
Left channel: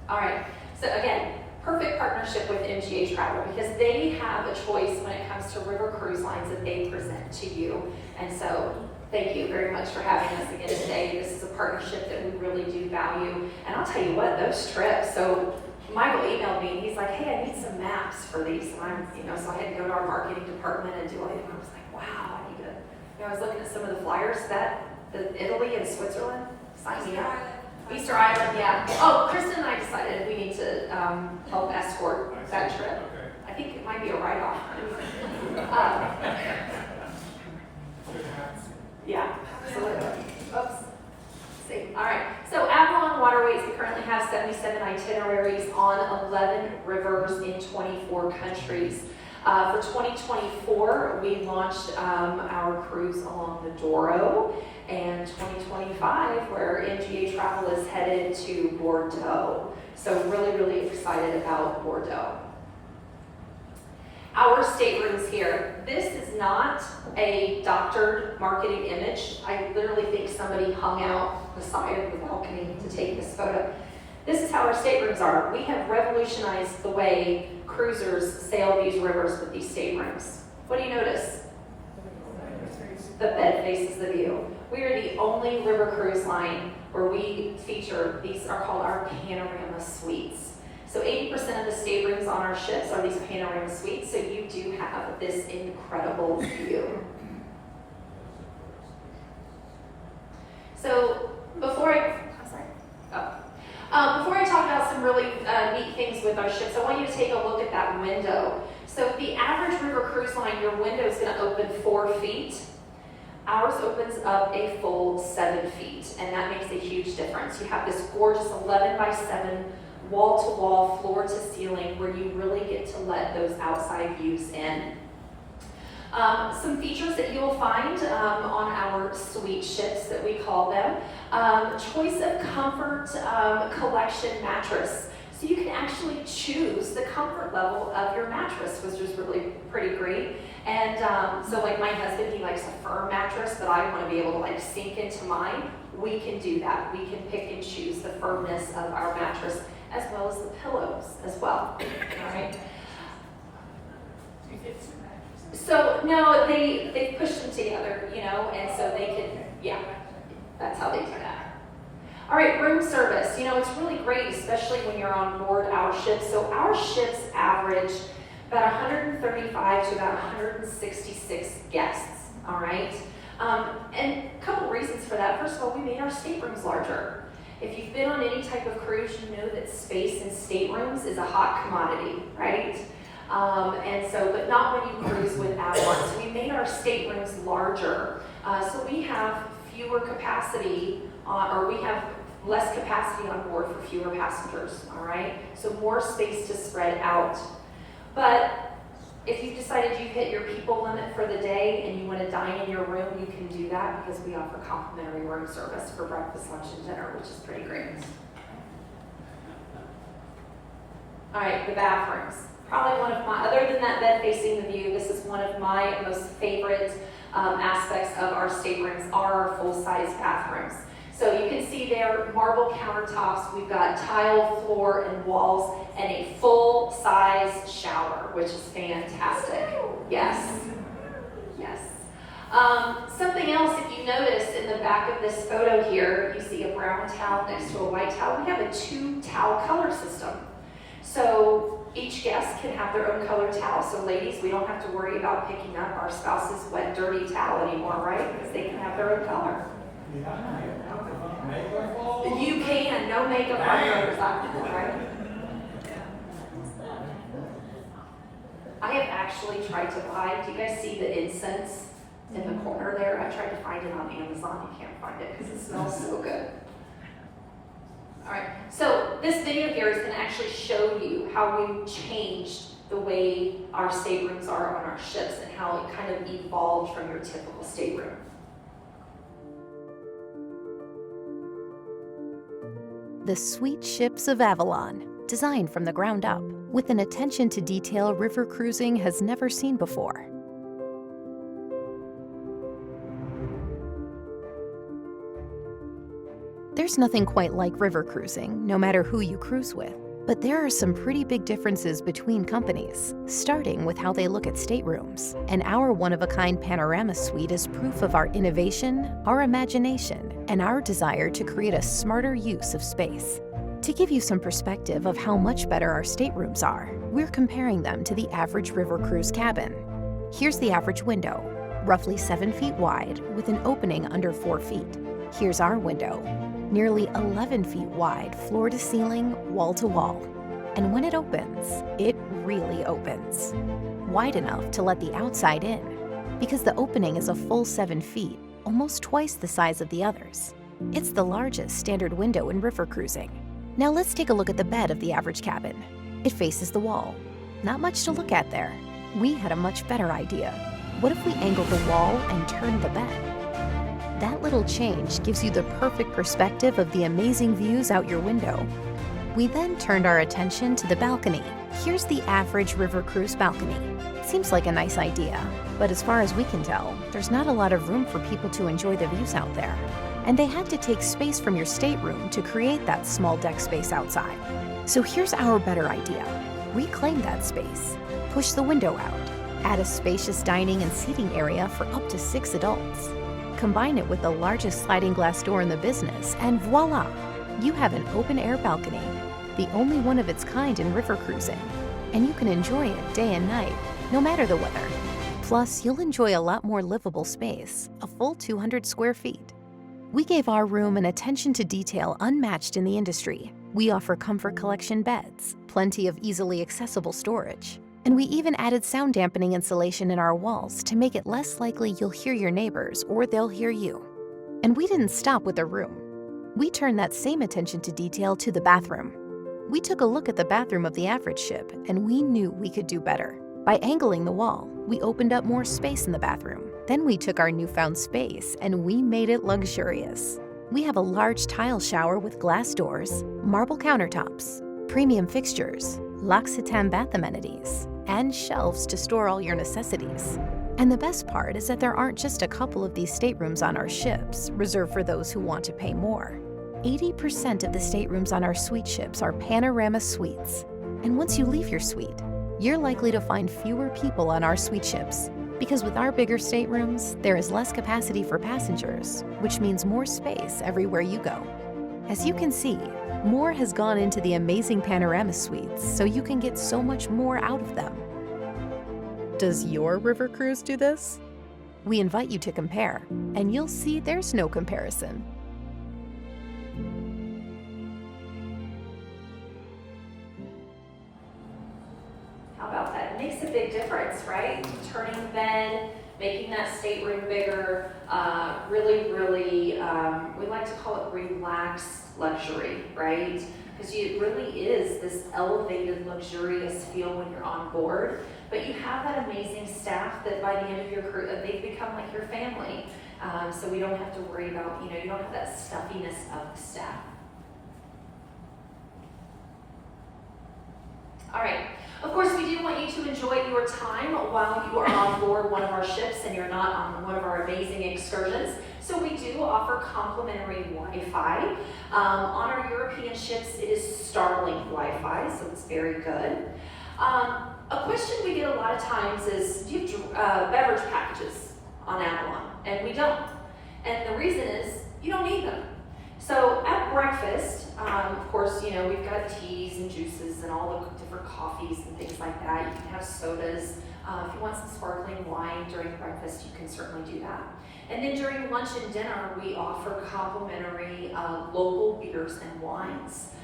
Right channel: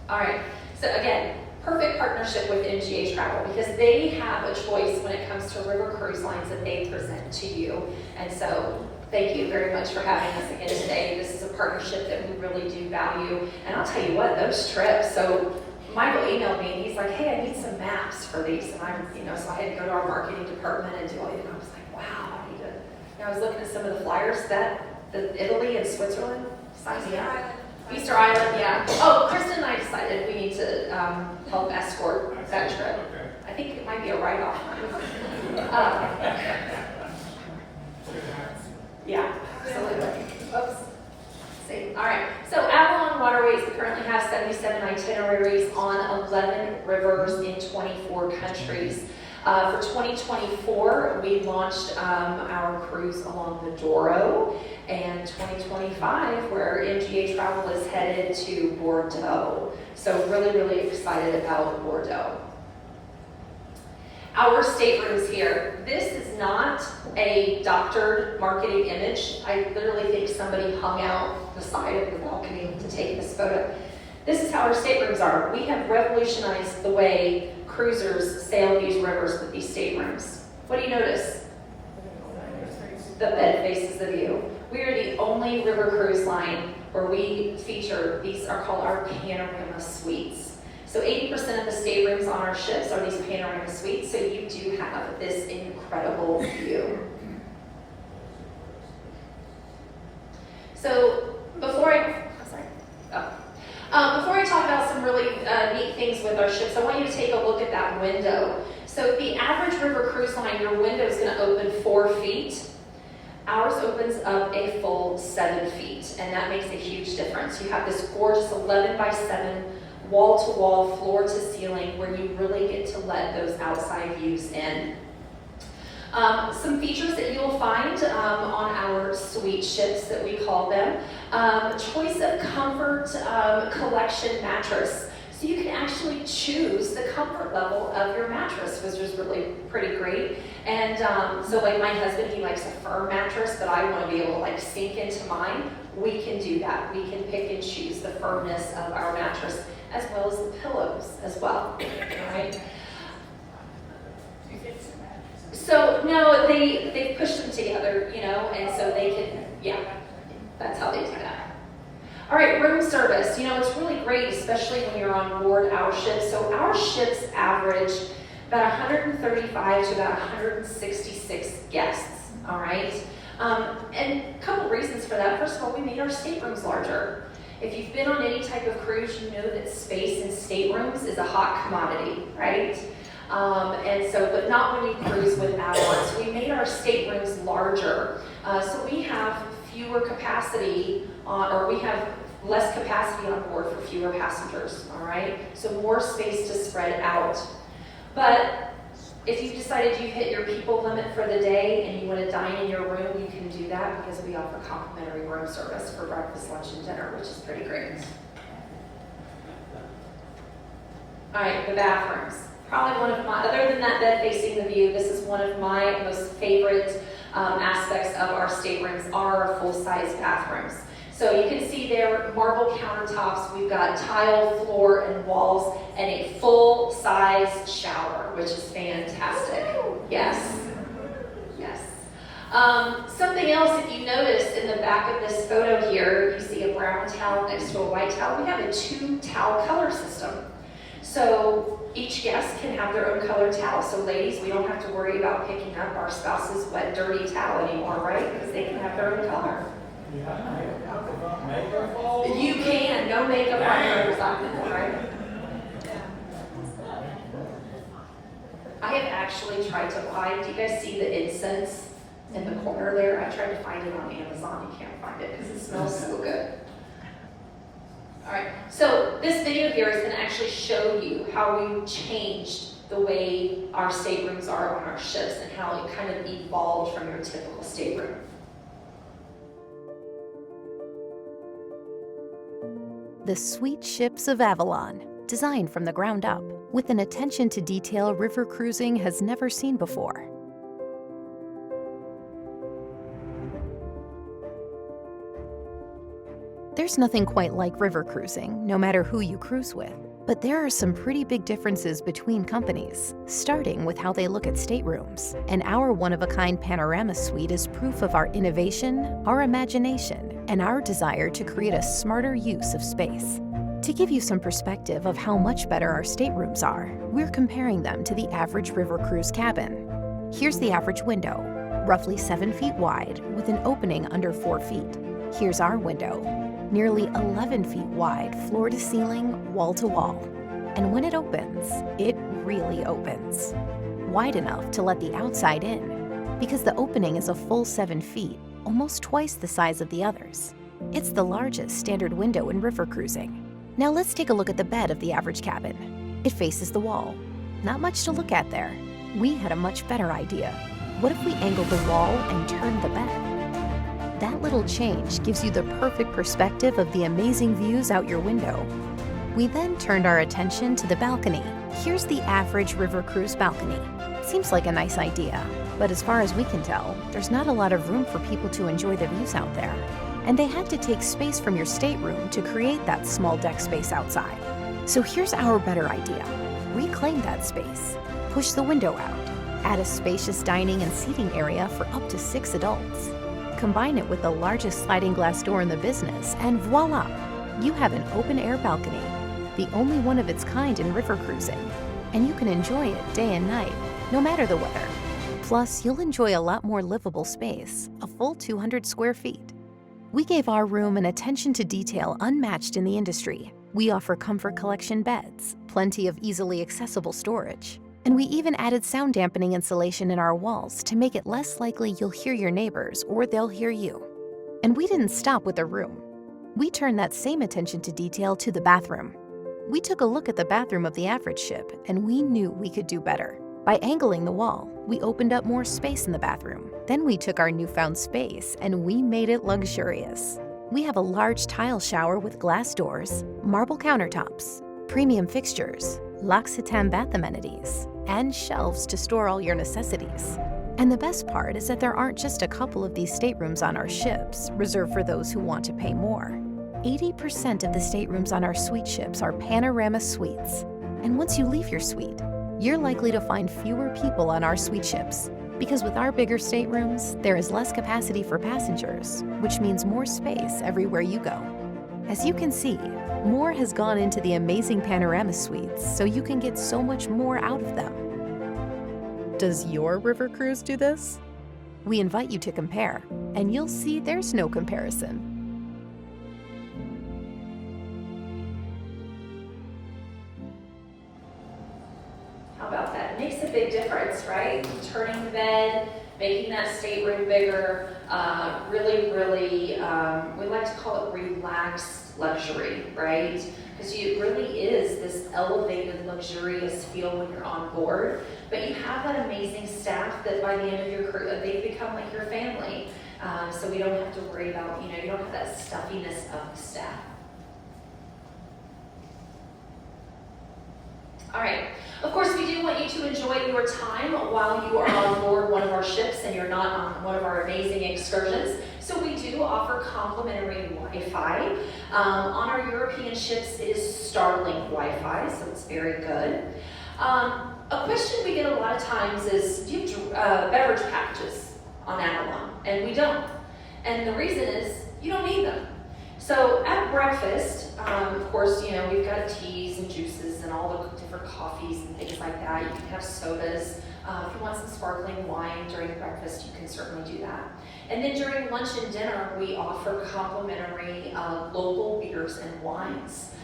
All right, so again, perfect partnership with MGA Travel because they have a choice when it comes to river cruise lines that they present to you. And so thank you very much for having us again today. This is a partnership that we really do value. And I'll tell you what, those trips, so Michael emailed me and he's like, hey, I need some maps for these. And I'm, so I had to go to our marketing department and do all these. And I was like, wow, I need to, I was looking at some of the flyers the Italy and Switzerland, sign me up. Easter Island, yeah. Oh, Kristen and I decided we need to help escort that trip. Okay. I think it might be a write-off. Yeah, absolutely. Oops. See. All right. So Avalon Waterways currently has 77 itineraries on 11 rivers in 24 countries. For 2024, we launched our cruise along the Douro, and 2025, where MGA Travel is headed to Bordeaux. So really, really excited about Bordeaux. Our staterooms here. This is not a doctored marketing image. I literally think somebody hung out the side of the balcony to take this photo. This is how our staterooms are. We have revolutionized the way cruisers sail these rivers with these staterooms. What do you notice? The bed faces the view. We are the only river cruise line where we feature, these are called our panorama suites. So 80% of the staterooms on our ships are these panorama suites, so you do have this incredible view. So before I talk about some really neat things with our ships, I want you to take a look at that window. So the average river cruise line, your window is going to open 4 feet. Ours opens up a full 7 feet, and that makes a huge difference. You have this gorgeous 11 by 7 wall-to-wall, floor-to-ceiling, where you really get to let those outside views in. Some features that you'll find on our suite ships that we call them. Choice of comfort collection mattress. So you can actually choose the comfort level of your mattress, which is really pretty great. And so like my husband, he likes a firm mattress, but I want to be able to like sink into mine. We can do that. We can pick and choose the firmness of our mattress as well as the pillows as well. All right. So no, they push them together, and so they can, yeah, that's how they do that. All right, room service. It's really great, especially when you're on board our ships. So our ships average about 135 to about 166 guests, all right? And a couple reasons for that. First of all, we made our staterooms larger. If you've been on any type of cruise, you know that space in staterooms is a hot commodity, right? But not when you cruise with Avalon. So we made our staterooms larger. So we have fewer capacity, or we have less capacity on board for fewer passengers, all right? So more space to spread out. But if you've decided you've hit your people limit for the day and you want to dine in your room, you can do that because we offer complimentary room service for breakfast, lunch, and dinner, which is pretty great. All right, the bathrooms. Probably one of my, other than that bed facing the view, this is one of my most favorite aspects of our staterooms are our full-size bathrooms. So you can see there, marble countertops, we've got tile floor and walls, and a full-size shower, which is fantastic. Yes, yes. Something else, if you notice in the back of this photo here, you see a brown towel next to a white towel. We have a 2-towel color system. So each guest can have their own color towel. So ladies, we don't have to worry about picking up our spouse's wet, dirty towel anymore, right? Because they can have their own color. You can, no makeup on motorcycle, right? I have actually tried to buy, do you guys see the incense in the corner there? I tried to find it on Amazon, you can't find it because it smells so good. All right, so this video here is going to actually show you how we changed the way our staterooms are on our ships and how it kind of evolved from your typical stateroom. The sweet ships of Avalon, designed from the ground up, with an attention to detail river cruising has never seen before. There's nothing quite like river cruising, no matter who you cruise with. But there are some pretty big differences between companies, starting with how they look at staterooms. And our one-of-a-kind panorama suite is proof of our innovation, our imagination, and our desire to create a smarter use of space. To give you some perspective of how much better our staterooms are, we're comparing them to the average river cruise cabin. Here's the average window, roughly 7 feet wide, with an opening under 4 feet. Here's our window, nearly 11 feet wide, floor to ceiling, wall to wall. And when it opens, it really opens. Wide enough to let the outside in, because the opening is a full 7 feet, almost twice the size of the others. It's the largest standard window in river cruising. Now let's take a look at the bed of the average cabin. It faces the wall. Not much to look at there. We had a much better idea. What if we angled the wall and turned the bed? That little change gives you the perfect perspective of the amazing views out your window. We then turned our attention to the balcony. Here's the average river cruise balcony. Seems like a nice idea, but as far as we can tell, there's not a lot of room for people to enjoy the views out there. And they had to take space from your stateroom to create that small deck space outside. So here's our better idea. Reclaim that space, push the window out, add a spacious dining and seating area for up to 6 adults. Combine it with the largest sliding glass door in the business, and voila! You have an open-air balcony, the only one of its kind in river cruising. And you can enjoy it day and night, no matter the weather. Plus, you'll enjoy a lot more livable space, a full 200 square feet. We gave our room an attention to detail unmatched in the industry. We offer comfort collection beds, plenty of easily accessible storage, and we even added sound dampening insulation in our walls to make it less likely you'll hear your neighbors or they'll hear you. And we didn't stop with the room. We turned that same attention to detail to the bathroom. We took a look at the bathroom of the average ship, and we knew we could do better. By angling the wall, we opened up more space in the bathroom. Then we took our newfound space and we made it luxurious. We have a large tile shower with glass doors, marble countertops, premium fixtures, L'Occitane bath amenities, and shelves to store all your necessities. And the best part is that there aren't just a couple of these staterooms on our ships, reserved for those who want to pay more. 80% of the staterooms on our suite ships are panorama suites. And once you leave your suite, you're likely to find fewer people on our suite ships, because with our bigger staterooms, there is less capacity for passengers, which means more space everywhere you go. As you can see, more has gone into the amazing panorama suites, so you can get so much more out of them. Does your river cruise do this? We invite you to compare, and you'll see there's no comparison. How about that? It makes a big difference, right? Turning the bed, making that stateroom bigger, really, we like to call it relaxed luxury, right? Because it really is this elevated, luxurious feel when you're on board. But you have that amazing staff that by the end of your career, they become like your family. So we don't have to worry about, you don't have that stuffiness of staff. All right. Of course, we do enjoy your time while you are on board one of our ships and you're not on one of our amazing excursions. So we do offer complimentary Wi-Fi. On our European ships, it is Starlink Wi-Fi, so it's very good. A question we get a lot of times is, do you have beverage packages on Avalon? And we don't. And the reason is, you don't need them. So at breakfast, of course, you know, we've got teas and juices and all the different coffees and things like that. You can have sodas. If you want some sparkling wine during breakfast, you can certainly do that. And then during lunch and dinner, we offer complimentary local beers and wines,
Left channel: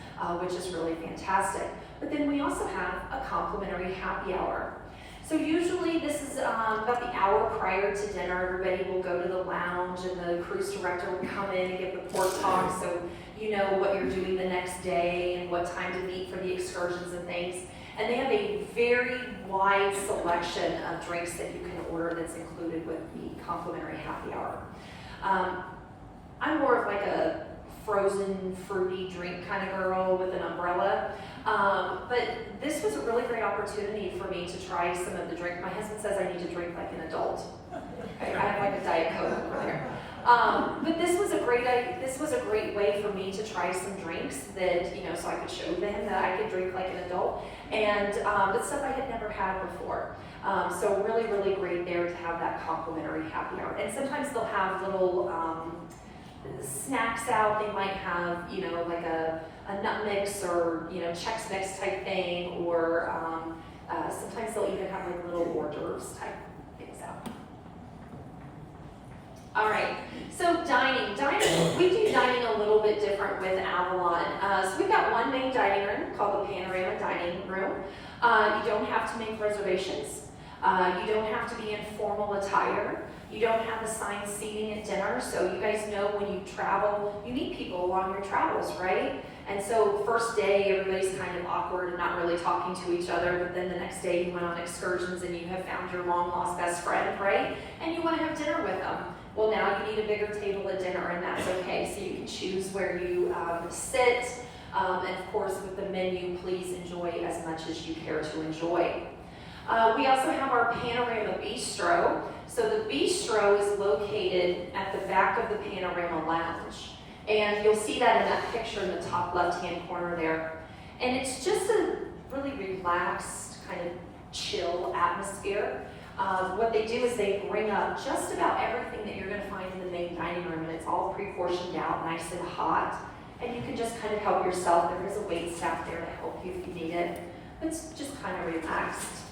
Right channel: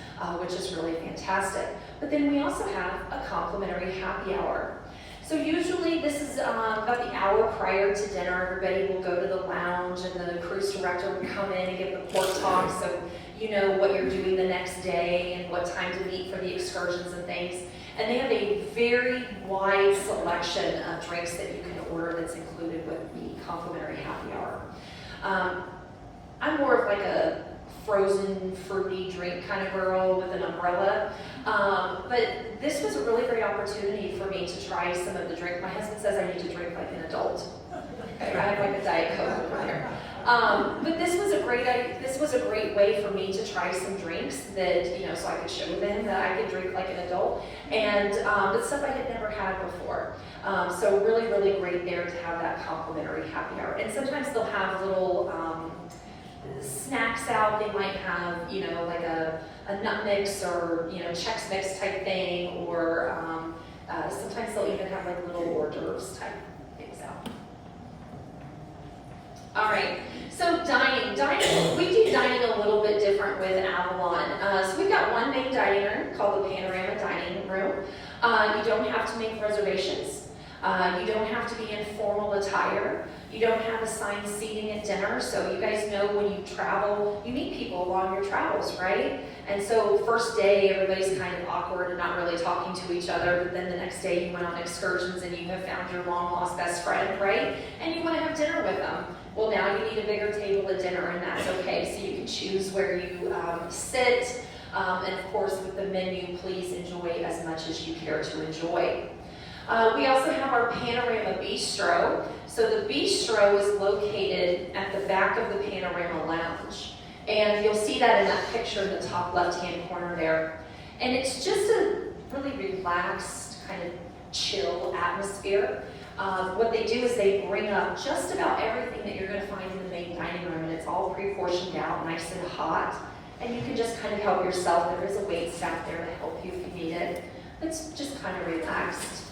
which is really fantastic. But then we also have a complimentary happy hour. So usually this is about the hour prior to dinner. Everybody will go to the lounge and the cruise director will come in and give the port talk so you know what you're doing the next day and what time to meet for the excursions and things. And they have a very wide selection of drinks that you can order that's included with the complimentary happy hour. I'm more of like a frozen fruity drink kind of girl with an umbrella. But this was a really great opportunity for me to try some of the drink. My husband says I need to drink like an adult. Okay, I have like a Diet Coke over here. But this was a great way for me to try some drinks that, you know, so I could show them that I could drink like an adult, and but stuff I had never had before. So really, really great there to have that complimentary happy hour. And sometimes they'll have little snacks out. They might have, you know, like a nut mix or, you know, Chex Mix type thing, or sometimes they'll even have like little hors d'oeuvres type things out. All right, so dining, we do dining a little bit different with Avalon. So we've got one main dining room called the Panorama Dining Room. You don't have to make reservations. You don't have to be in formal attire. You don't have assigned seating at dinner, so you guys know when you travel, you meet people along your travels, right? And so first day, everybody's kind of awkward and not really talking to each other, but then the next day you went on excursions and you have found your long-lost best friend, right? And you want to have dinner with them. Well, now you need a bigger table at dinner, and that's okay. So you can choose where you sit, and of course with the menu, please enjoy as much as you care to enjoy. We also have our Panorama Bistro. So the Bistro is located at the back of the Panorama Lounge. And you'll see that in that picture in the top left-hand corner there. And it's just a really relaxed, kind of chill atmosphere. What they do is they bring up just about everything that you're going to find in the main dining room, and it's all pre-portioned out, nice and hot. And you can just kind of help yourself. There is a wait staff there to help you if you need it. It's just kind of relaxed.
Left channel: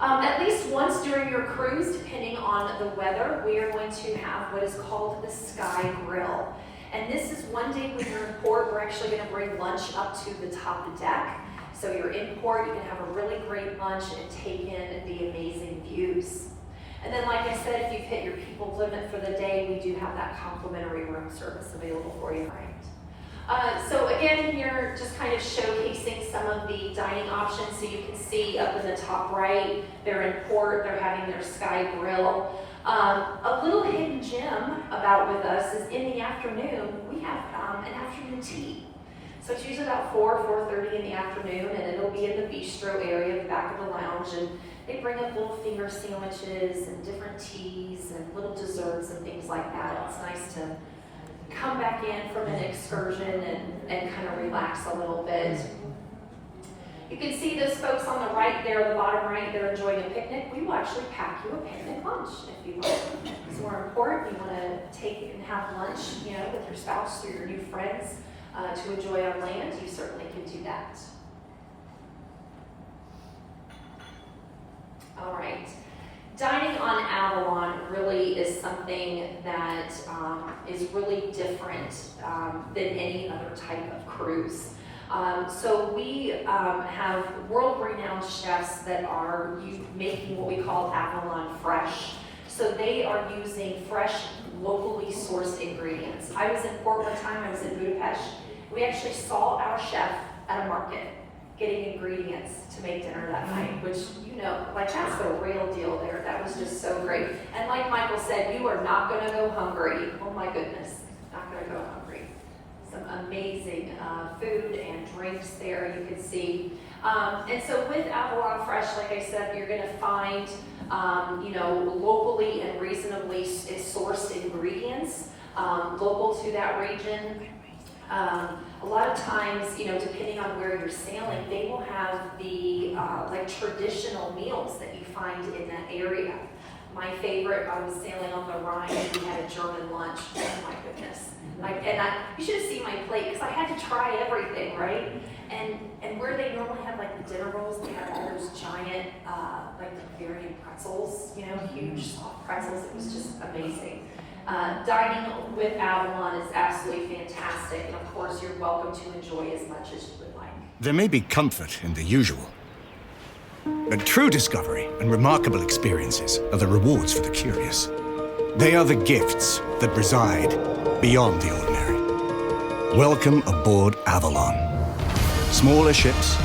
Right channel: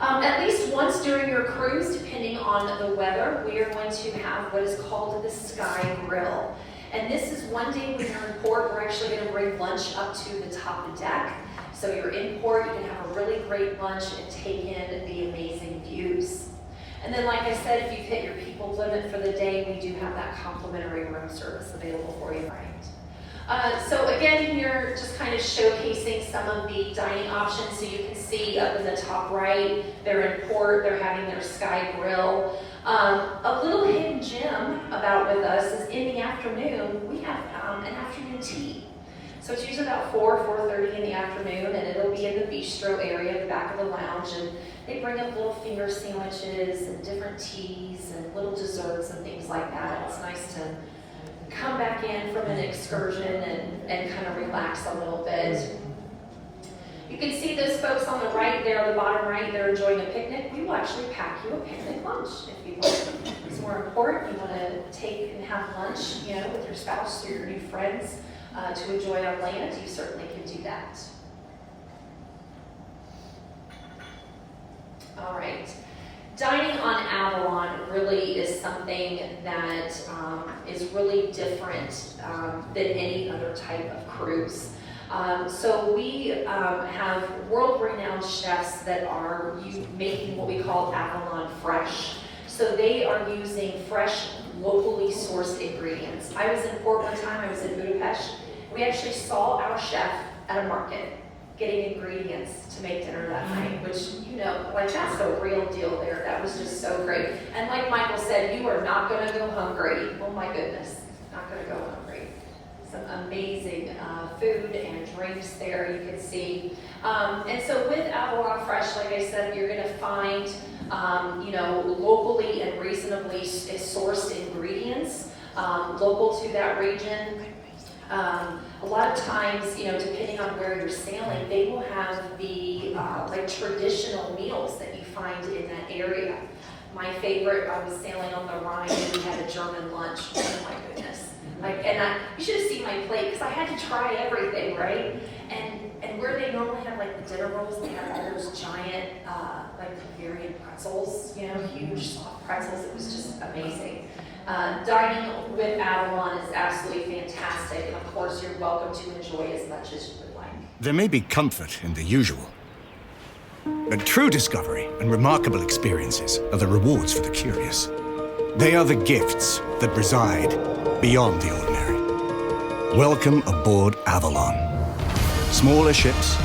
At least once during your cruise, depending on the weather, we are going to have what is called the Sky Grill. And this is one day when you're in port, we're actually going to bring lunch up to the top deck. So you're in port, you can have a really great lunch and take in the amazing views. And then, like I said, if you've hit your people limit for the day, we do have that complimentary room service available for you, right? So again, here, just kind of showcasing some of the dining options. So you can see up in the top right, they're in port, they're having their Sky Grill. A little hidden gem about with us is in the afternoon, we have an afternoon tea. So it's usually about 4:30 in the afternoon, and it'll be in the bistro area, the back of the lounge, and they bring up little finger sandwiches and different teas and little desserts and things like that. It's nice to come back in from an excursion and kind of relax a little bit. You can see those folks on the right there, the bottom right, they're enjoying a picnic. We will actually pack you a picnic lunch if you like. So we're in port, you want to take and have lunch, you know, with your spouse or your new friends to enjoy on land, you certainly can do that. All right. Dining on Avalon really is something that is really different than any other type of cruise. So we have world-renowned chefs that are making what we call Avalon Fresh. So they are using fresh, locally sourced ingredients. I was in port one time, I was in Budapest. We actually saw our chef at a market getting ingredients to make dinner that night, which, you know, like that's the real deal there. That was just so great. And like Michael said, you are not gonna go hungry. Oh my goodness, not gonna go hungry. Some amazing food and drinks there. You can see And so with Avalon Fresh, like I said, you're gonna find, locally and reasonably sourced ingredients, local to that region. A lot of times, depending on where you're sailing, they will have the traditional meals that you find in that area. My favorite, I was sailing on the Rhine and we had a German lunch. Oh my goodness. You should have seen my plate because I had to try everything, right? And where they normally have the dinner rolls, they have all those giant, Bavarian pretzels, huge soft pretzels. It was just amazing. Dining with Avalon is absolutely fantastic, and of course you're welcome to enjoy as much as you would like. There may be comfort in the usual, but true discovery and remarkable experiences are the rewards for the curious. They are the gifts that reside beyond the ordinary. Welcome aboard Avalon. Smaller ships,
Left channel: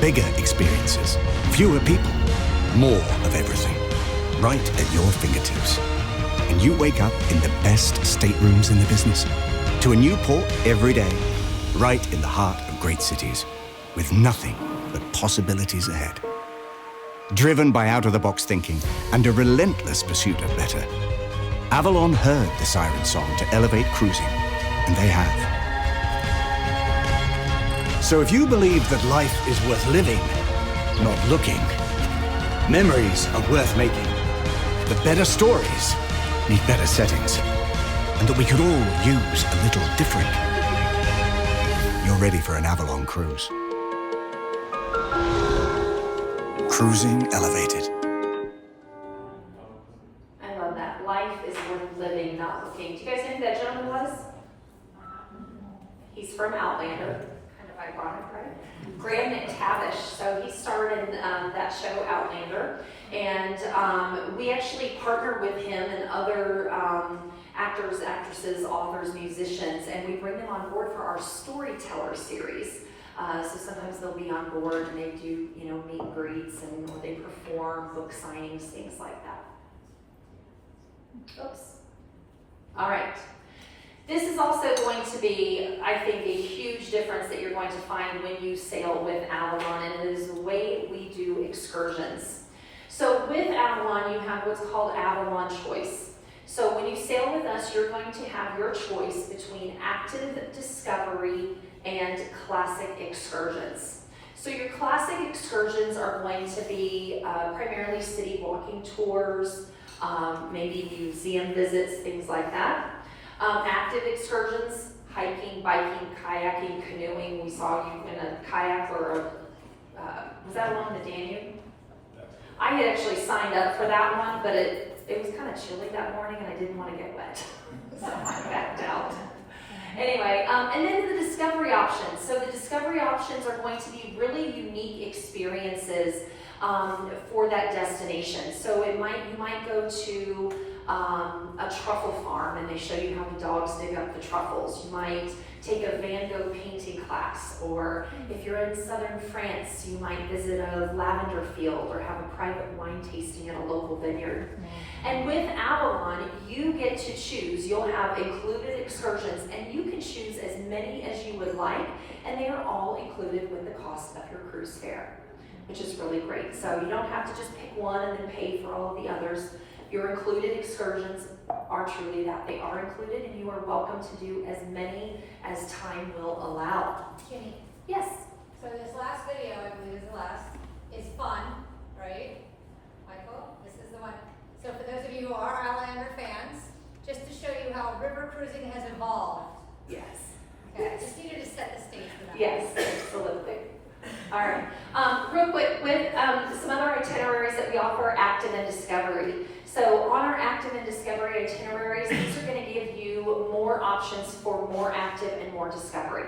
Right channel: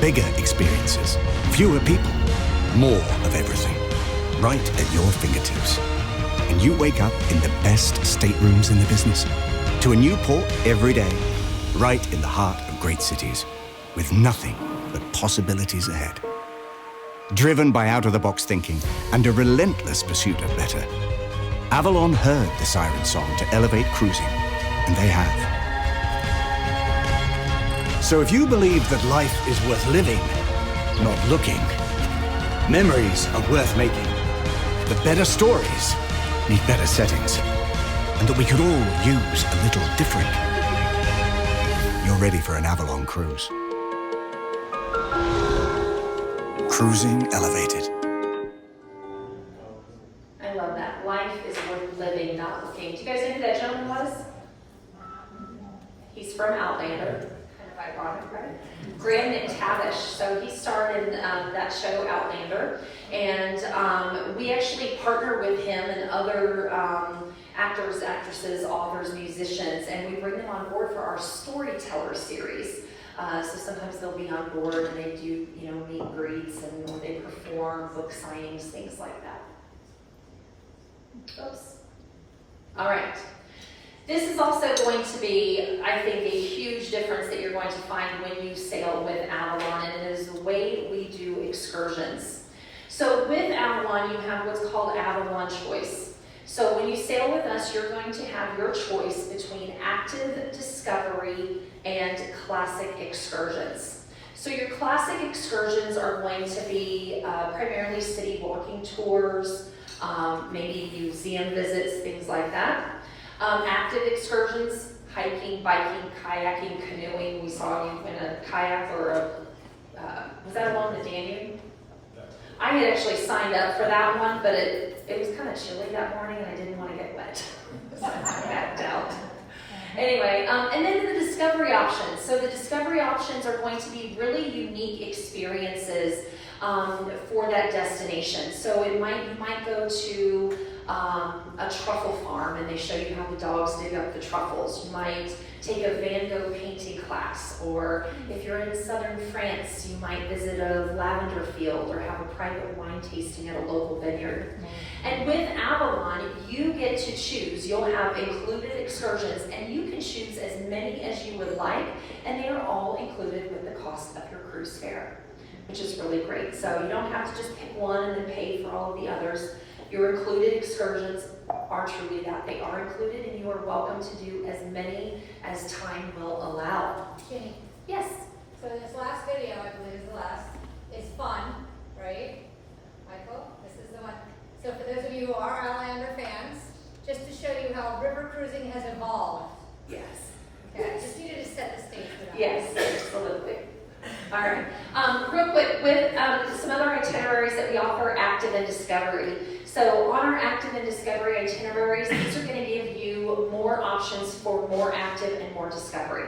bigger experiences, fewer people, more of everything, right at your fingertips. And you wake up in the best staterooms in the business, to a new port every day, right in the heart of great cities, with nothing but possibilities ahead. Driven by out-of-the-box thinking and a relentless pursuit of better, Avalon heard the siren song to elevate cruising, and they have. So if you believe that life is worth living, not looking, memories are worth making, that better stories need better settings, and that we could all use a little different, you're ready for an Avalon cruise. Cruising Elevated. I love that. Life is worth living, not looking. Do you guys know who that gentleman was? He's from Outlander. Kind of ironic, right? Graham McTavish. So he starred in that show Outlander, and we actually partner with him and other actors, actresses, authors, musicians, and we bring them on board for our Storyteller series. So sometimes they'll be on board and they do, meet and greets, and or they perform book signings, things like that. Oops. All right. This is also going to be, I think, a huge difference that you're going to find when you sail with Avalon, and it is the way we do excursions. So with Avalon, you have what's called Avalon Choice. So when you sail with us, you're going to have your choice between active discovery and classic excursions. So your classic excursions are going to be primarily city walking tours, maybe museum visits, things like that. Active excursions, hiking, biking, kayaking, canoeing. We saw you in a kayak or was that along the Danube? I had actually signed up for that one, but it was kind of chilly that morning and I didn't want to get wet. So I backed out. Anyway, and then the discovery options. So the discovery options are going to be really unique experiences for that destination. So you might go to a truffle farm and they show you how the dogs dig up the truffles. You might take a Van Gogh painting class, or if you're in southern France, you might visit a lavender field or have a private wine tasting at a local vineyard. And with Avalon, you get to choose. You'll have included excursions, and you can choose as many as you would like, and they are all included with the cost of your cruise fare, which is really great. So you don't have to just pick one and then pay for all of the others. Your included excursions are truly that. They are included, and you are welcome to do as many as time will allow. Jenny, Yes. so this last video, I believe is the last, is fun, right? Michael, this is the one. So for those of you who are Outlander fans, just to show you how river cruising has evolved. Yes. Okay, just needed to set the stage for that. Yes, absolutely. All right. Real quick, with some other itineraries that we offer, active and discovery. So on our active and discovery itineraries, these are going to give you more options for more active and more discovery.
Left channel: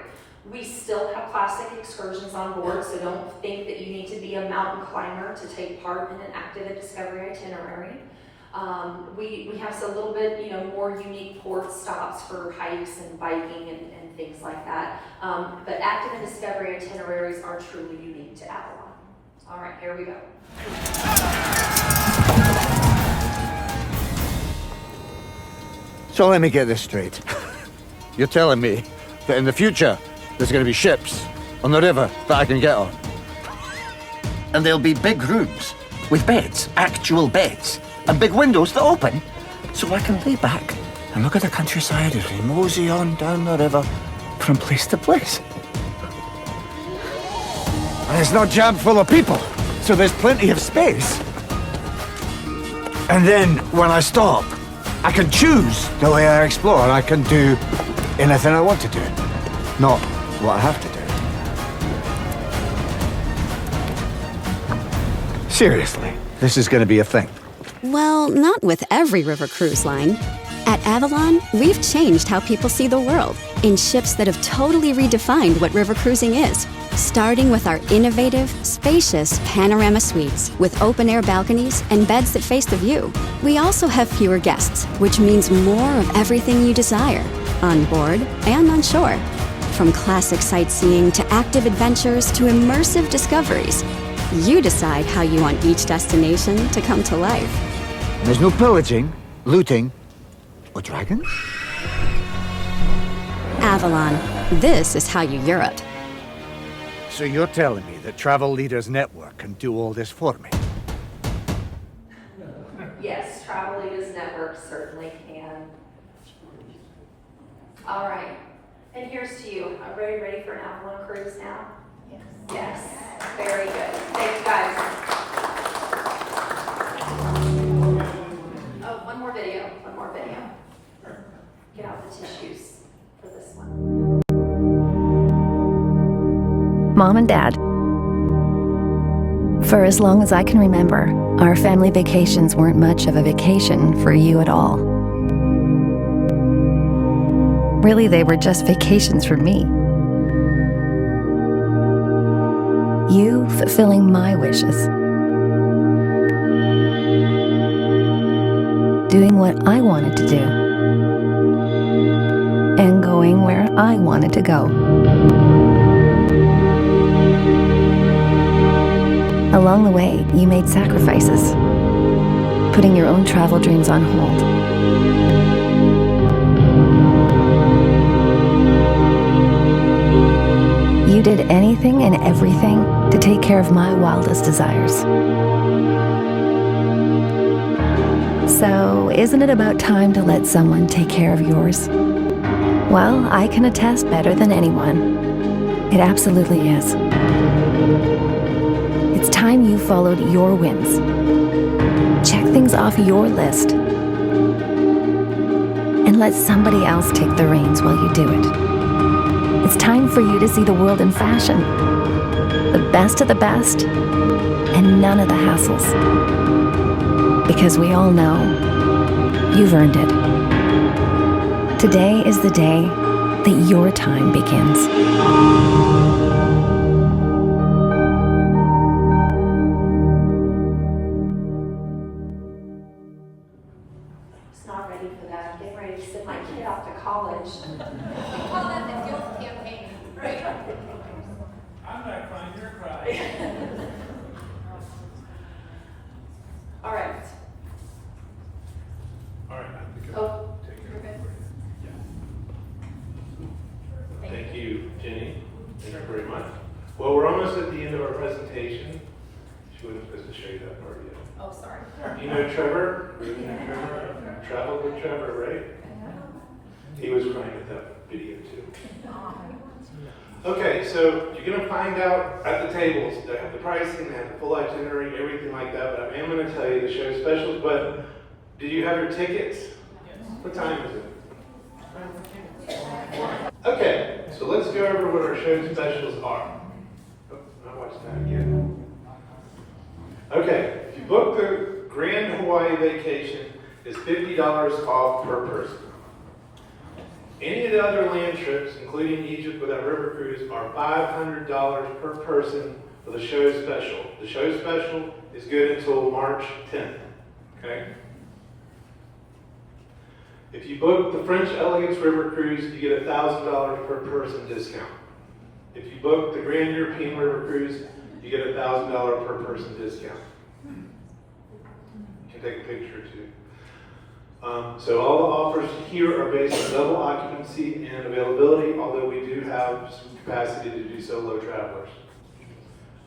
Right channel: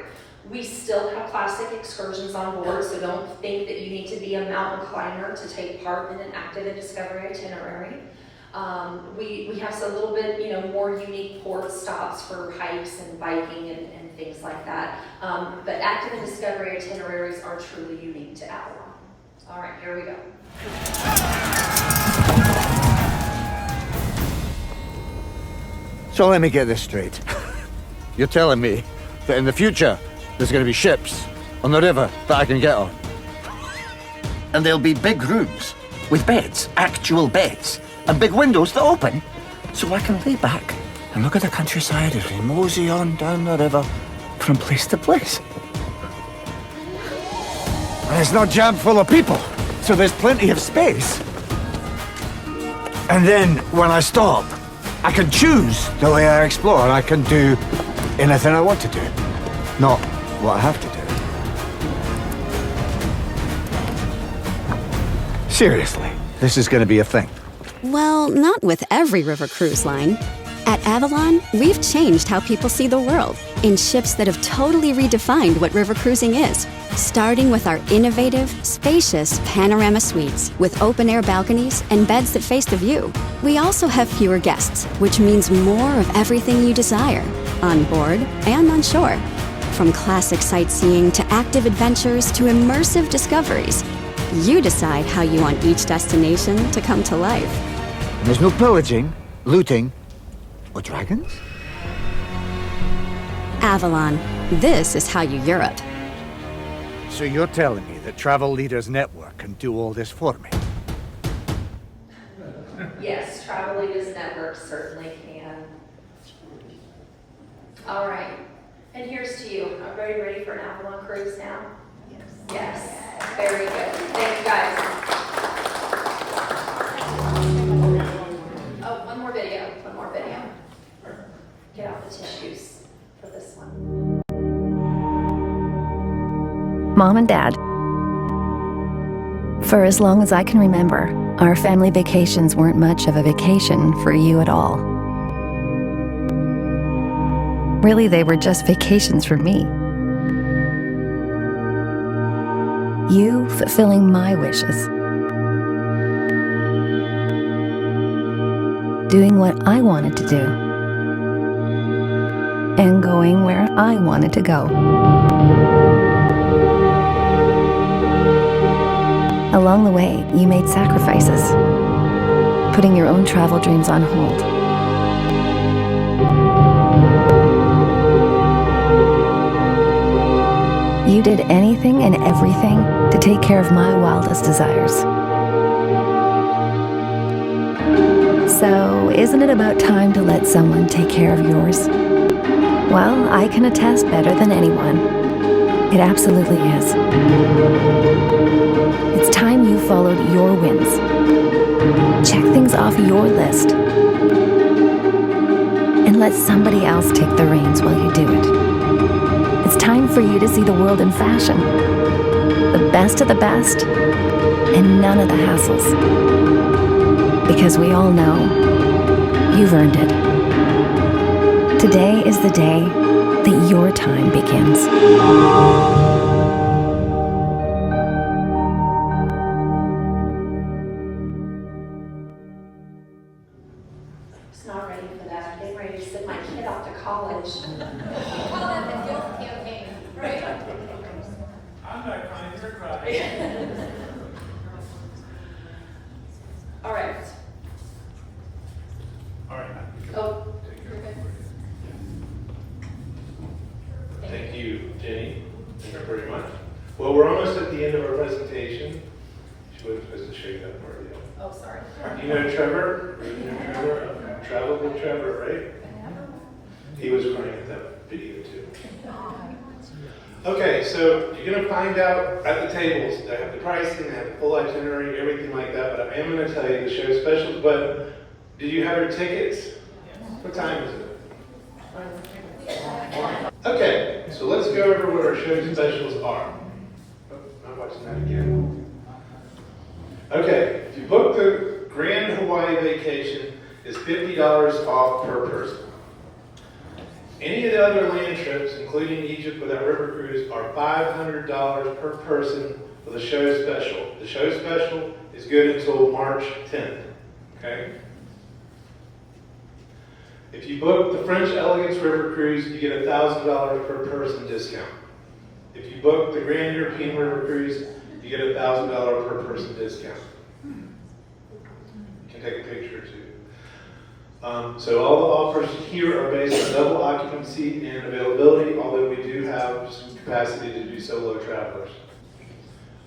We still have classic excursions on board, so don't think that you need to be a mountain climber to take part in an active and discovery itinerary. We have a little bit, more unique port stops for hikes and biking and things like that. But active and discovery itineraries are truly unique to Avalon. All right, here we go. So let me get this straight. You're telling me that in the future, there's going to be ships on the river that I can get on? And there'll be big rooms with beds, actual beds, and big windows that open, so I can lay back and look at the countryside as we mosey on down the river from place to place. And it's not jammed full of people, so there's plenty of space. And then, when I stop, I can choose the way I explore. I can do anything I want to do, not what I have to do. Seriously, this is going to be a thing. Well, not with every river cruise line. At Avalon, we've changed how people see the world in ships that have totally redefined what river cruising is. Starting with our innovative, spacious panorama suites with open-air balconies and beds that face the view. We also have fewer guests, which means more of everything you desire, on board and on shore. From classic sightseeing to active adventures to immersive discoveries. You decide how you want each destination to come to life. And there's no pillaging, looting, or dragons? Avalon, this is how you Europe. So you're telling me that Travel Leaders Network can do all this for me? Yes, Travel Leaders Network certainly can. All right, and here's to you. Are everybody ready for an Avalon cruise now? Yes. Very good. Thank you, guys. Oh, one more video. Get out the tissues for this one. Mom and Dad. For as long as I can remember, our family vacations weren't much of a vacation for you at all. Really, they were just vacations for me. You fulfilling my wishes. Doing what I wanted to do. And going where I wanted to go. Along the way, you made sacrifices, putting your own travel dreams on hold. You did anything and everything to take care of my wildest desires. So, isn't it about time to let someone take care of yours? Well, I can attest better than anyone. It absolutely is. It's time you followed your wins. Check things off your list. And let somebody else take the reins while you do it. It's time for you to see the world in fashion. The best of the best, and none of the hassles. Because we all know, you've earned it. Today is the day that your time begins. It's not ready for that. I'm getting ready to send my kid off to college. You call that the guilt campaign, right? I'm not crying, you're crying. All right. All right. Oh, Take care. you're good. Thank you, Jenny. Thank you very much. Well, we're almost at the end of our presentation. She wasn't supposed to show you that part yet. Oh, sorry. You know Trevor? You know Trevor? Traveled with Trevor, right? He was crying at that video too. Okay, so you're going to find out at the tables. They have the pricing, they have the full itinerary, everything like that. But I am going to tell you the show specials. But did you have your tickets? Yes. What time is it? Okay, so let's go over what our show specials are. Oh, I'm watching that again. Okay, if you book the Grand Hawaii vacation, it's $50 off per person. Any of the other land trips, including Egypt with our river cruise, are $500 per person for the show special. The show special is good until March 10th, okay? If you book the French Elegance River Cruise, you get $1,000 per person discount. If you book the Grand European River Cruise, you get $1,000 per person discount. You can take a picture too. So all the offers here are based on double occupancy and availability, although we do have some capacity to do solo travelers.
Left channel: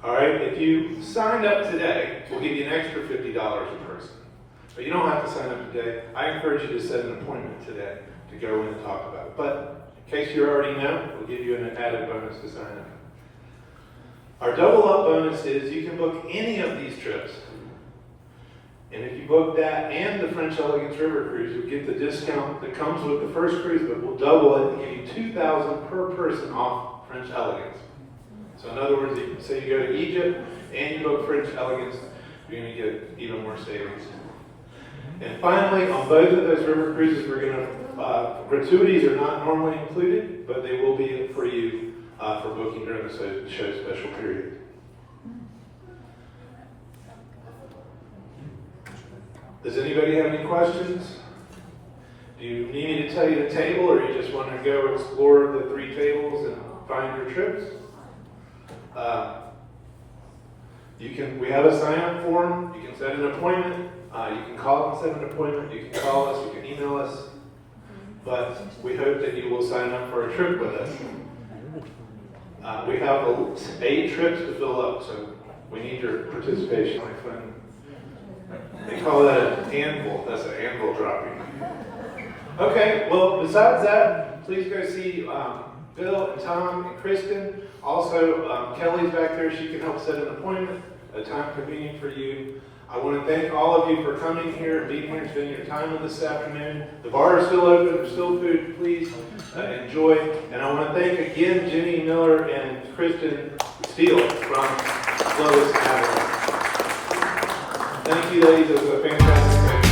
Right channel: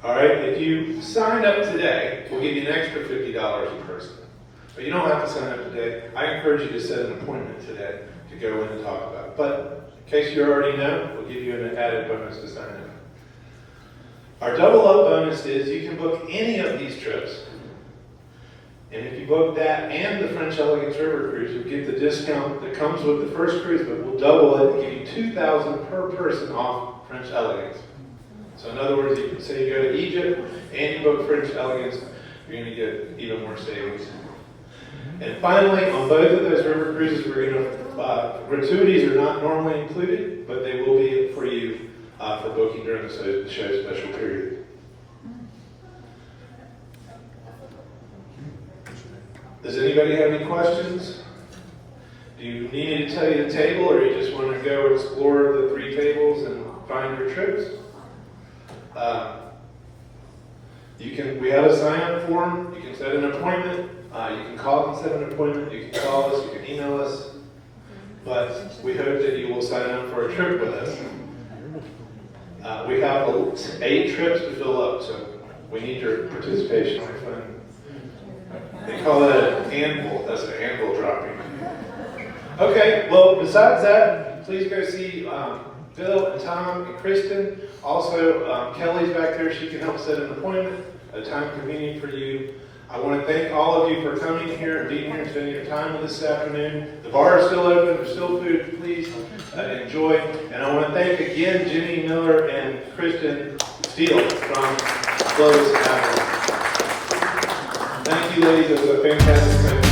All right, if you signed up today, we'll give you an extra $50 a person. But you don't have to sign up today. I encourage you to set an appointment today to go in and talk about it. But in case you already know, we'll give you an added bonus to sign up. Our double up bonus is you can book any of these trips. And if you book that and the French Elegance River Cruise, you'll get the discount that comes with the first cruise, but we'll double it and give you $2,000 per person off French Elegance. So in other words, you can say you go to Egypt and you book French Elegance, you're going to get even more savings. And finally, on both of those river cruises, we're going to, gratuities are not normally included, but they will be for you for booking during the show special period. Does anybody have any questions? Do you need me to tell you the table, or you just want to go explore the 3 tables and find your trips? We have a sign-up form. You can set an appointment. You can call and set an appointment. You can call us. You can email us. But we hope that you will sign up for a trip with us. We have 8 trips to fill up, so we need your participation, my friend. They call that an anvil. That's an anvil dropping. Okay, well, besides that, please go see Bill and Tom and Kristen. Also, Kelly's back there. She can help set an appointment at a time convenient for you. I want to thank all of you for coming here and being here and spending your time with us this afternoon. The bar is still open. There's still food. Please enjoy. And I want to thank again Jenny Miller and Kristen Steele from Globus, Avalon. Thank you, ladies. It was a fantastic night.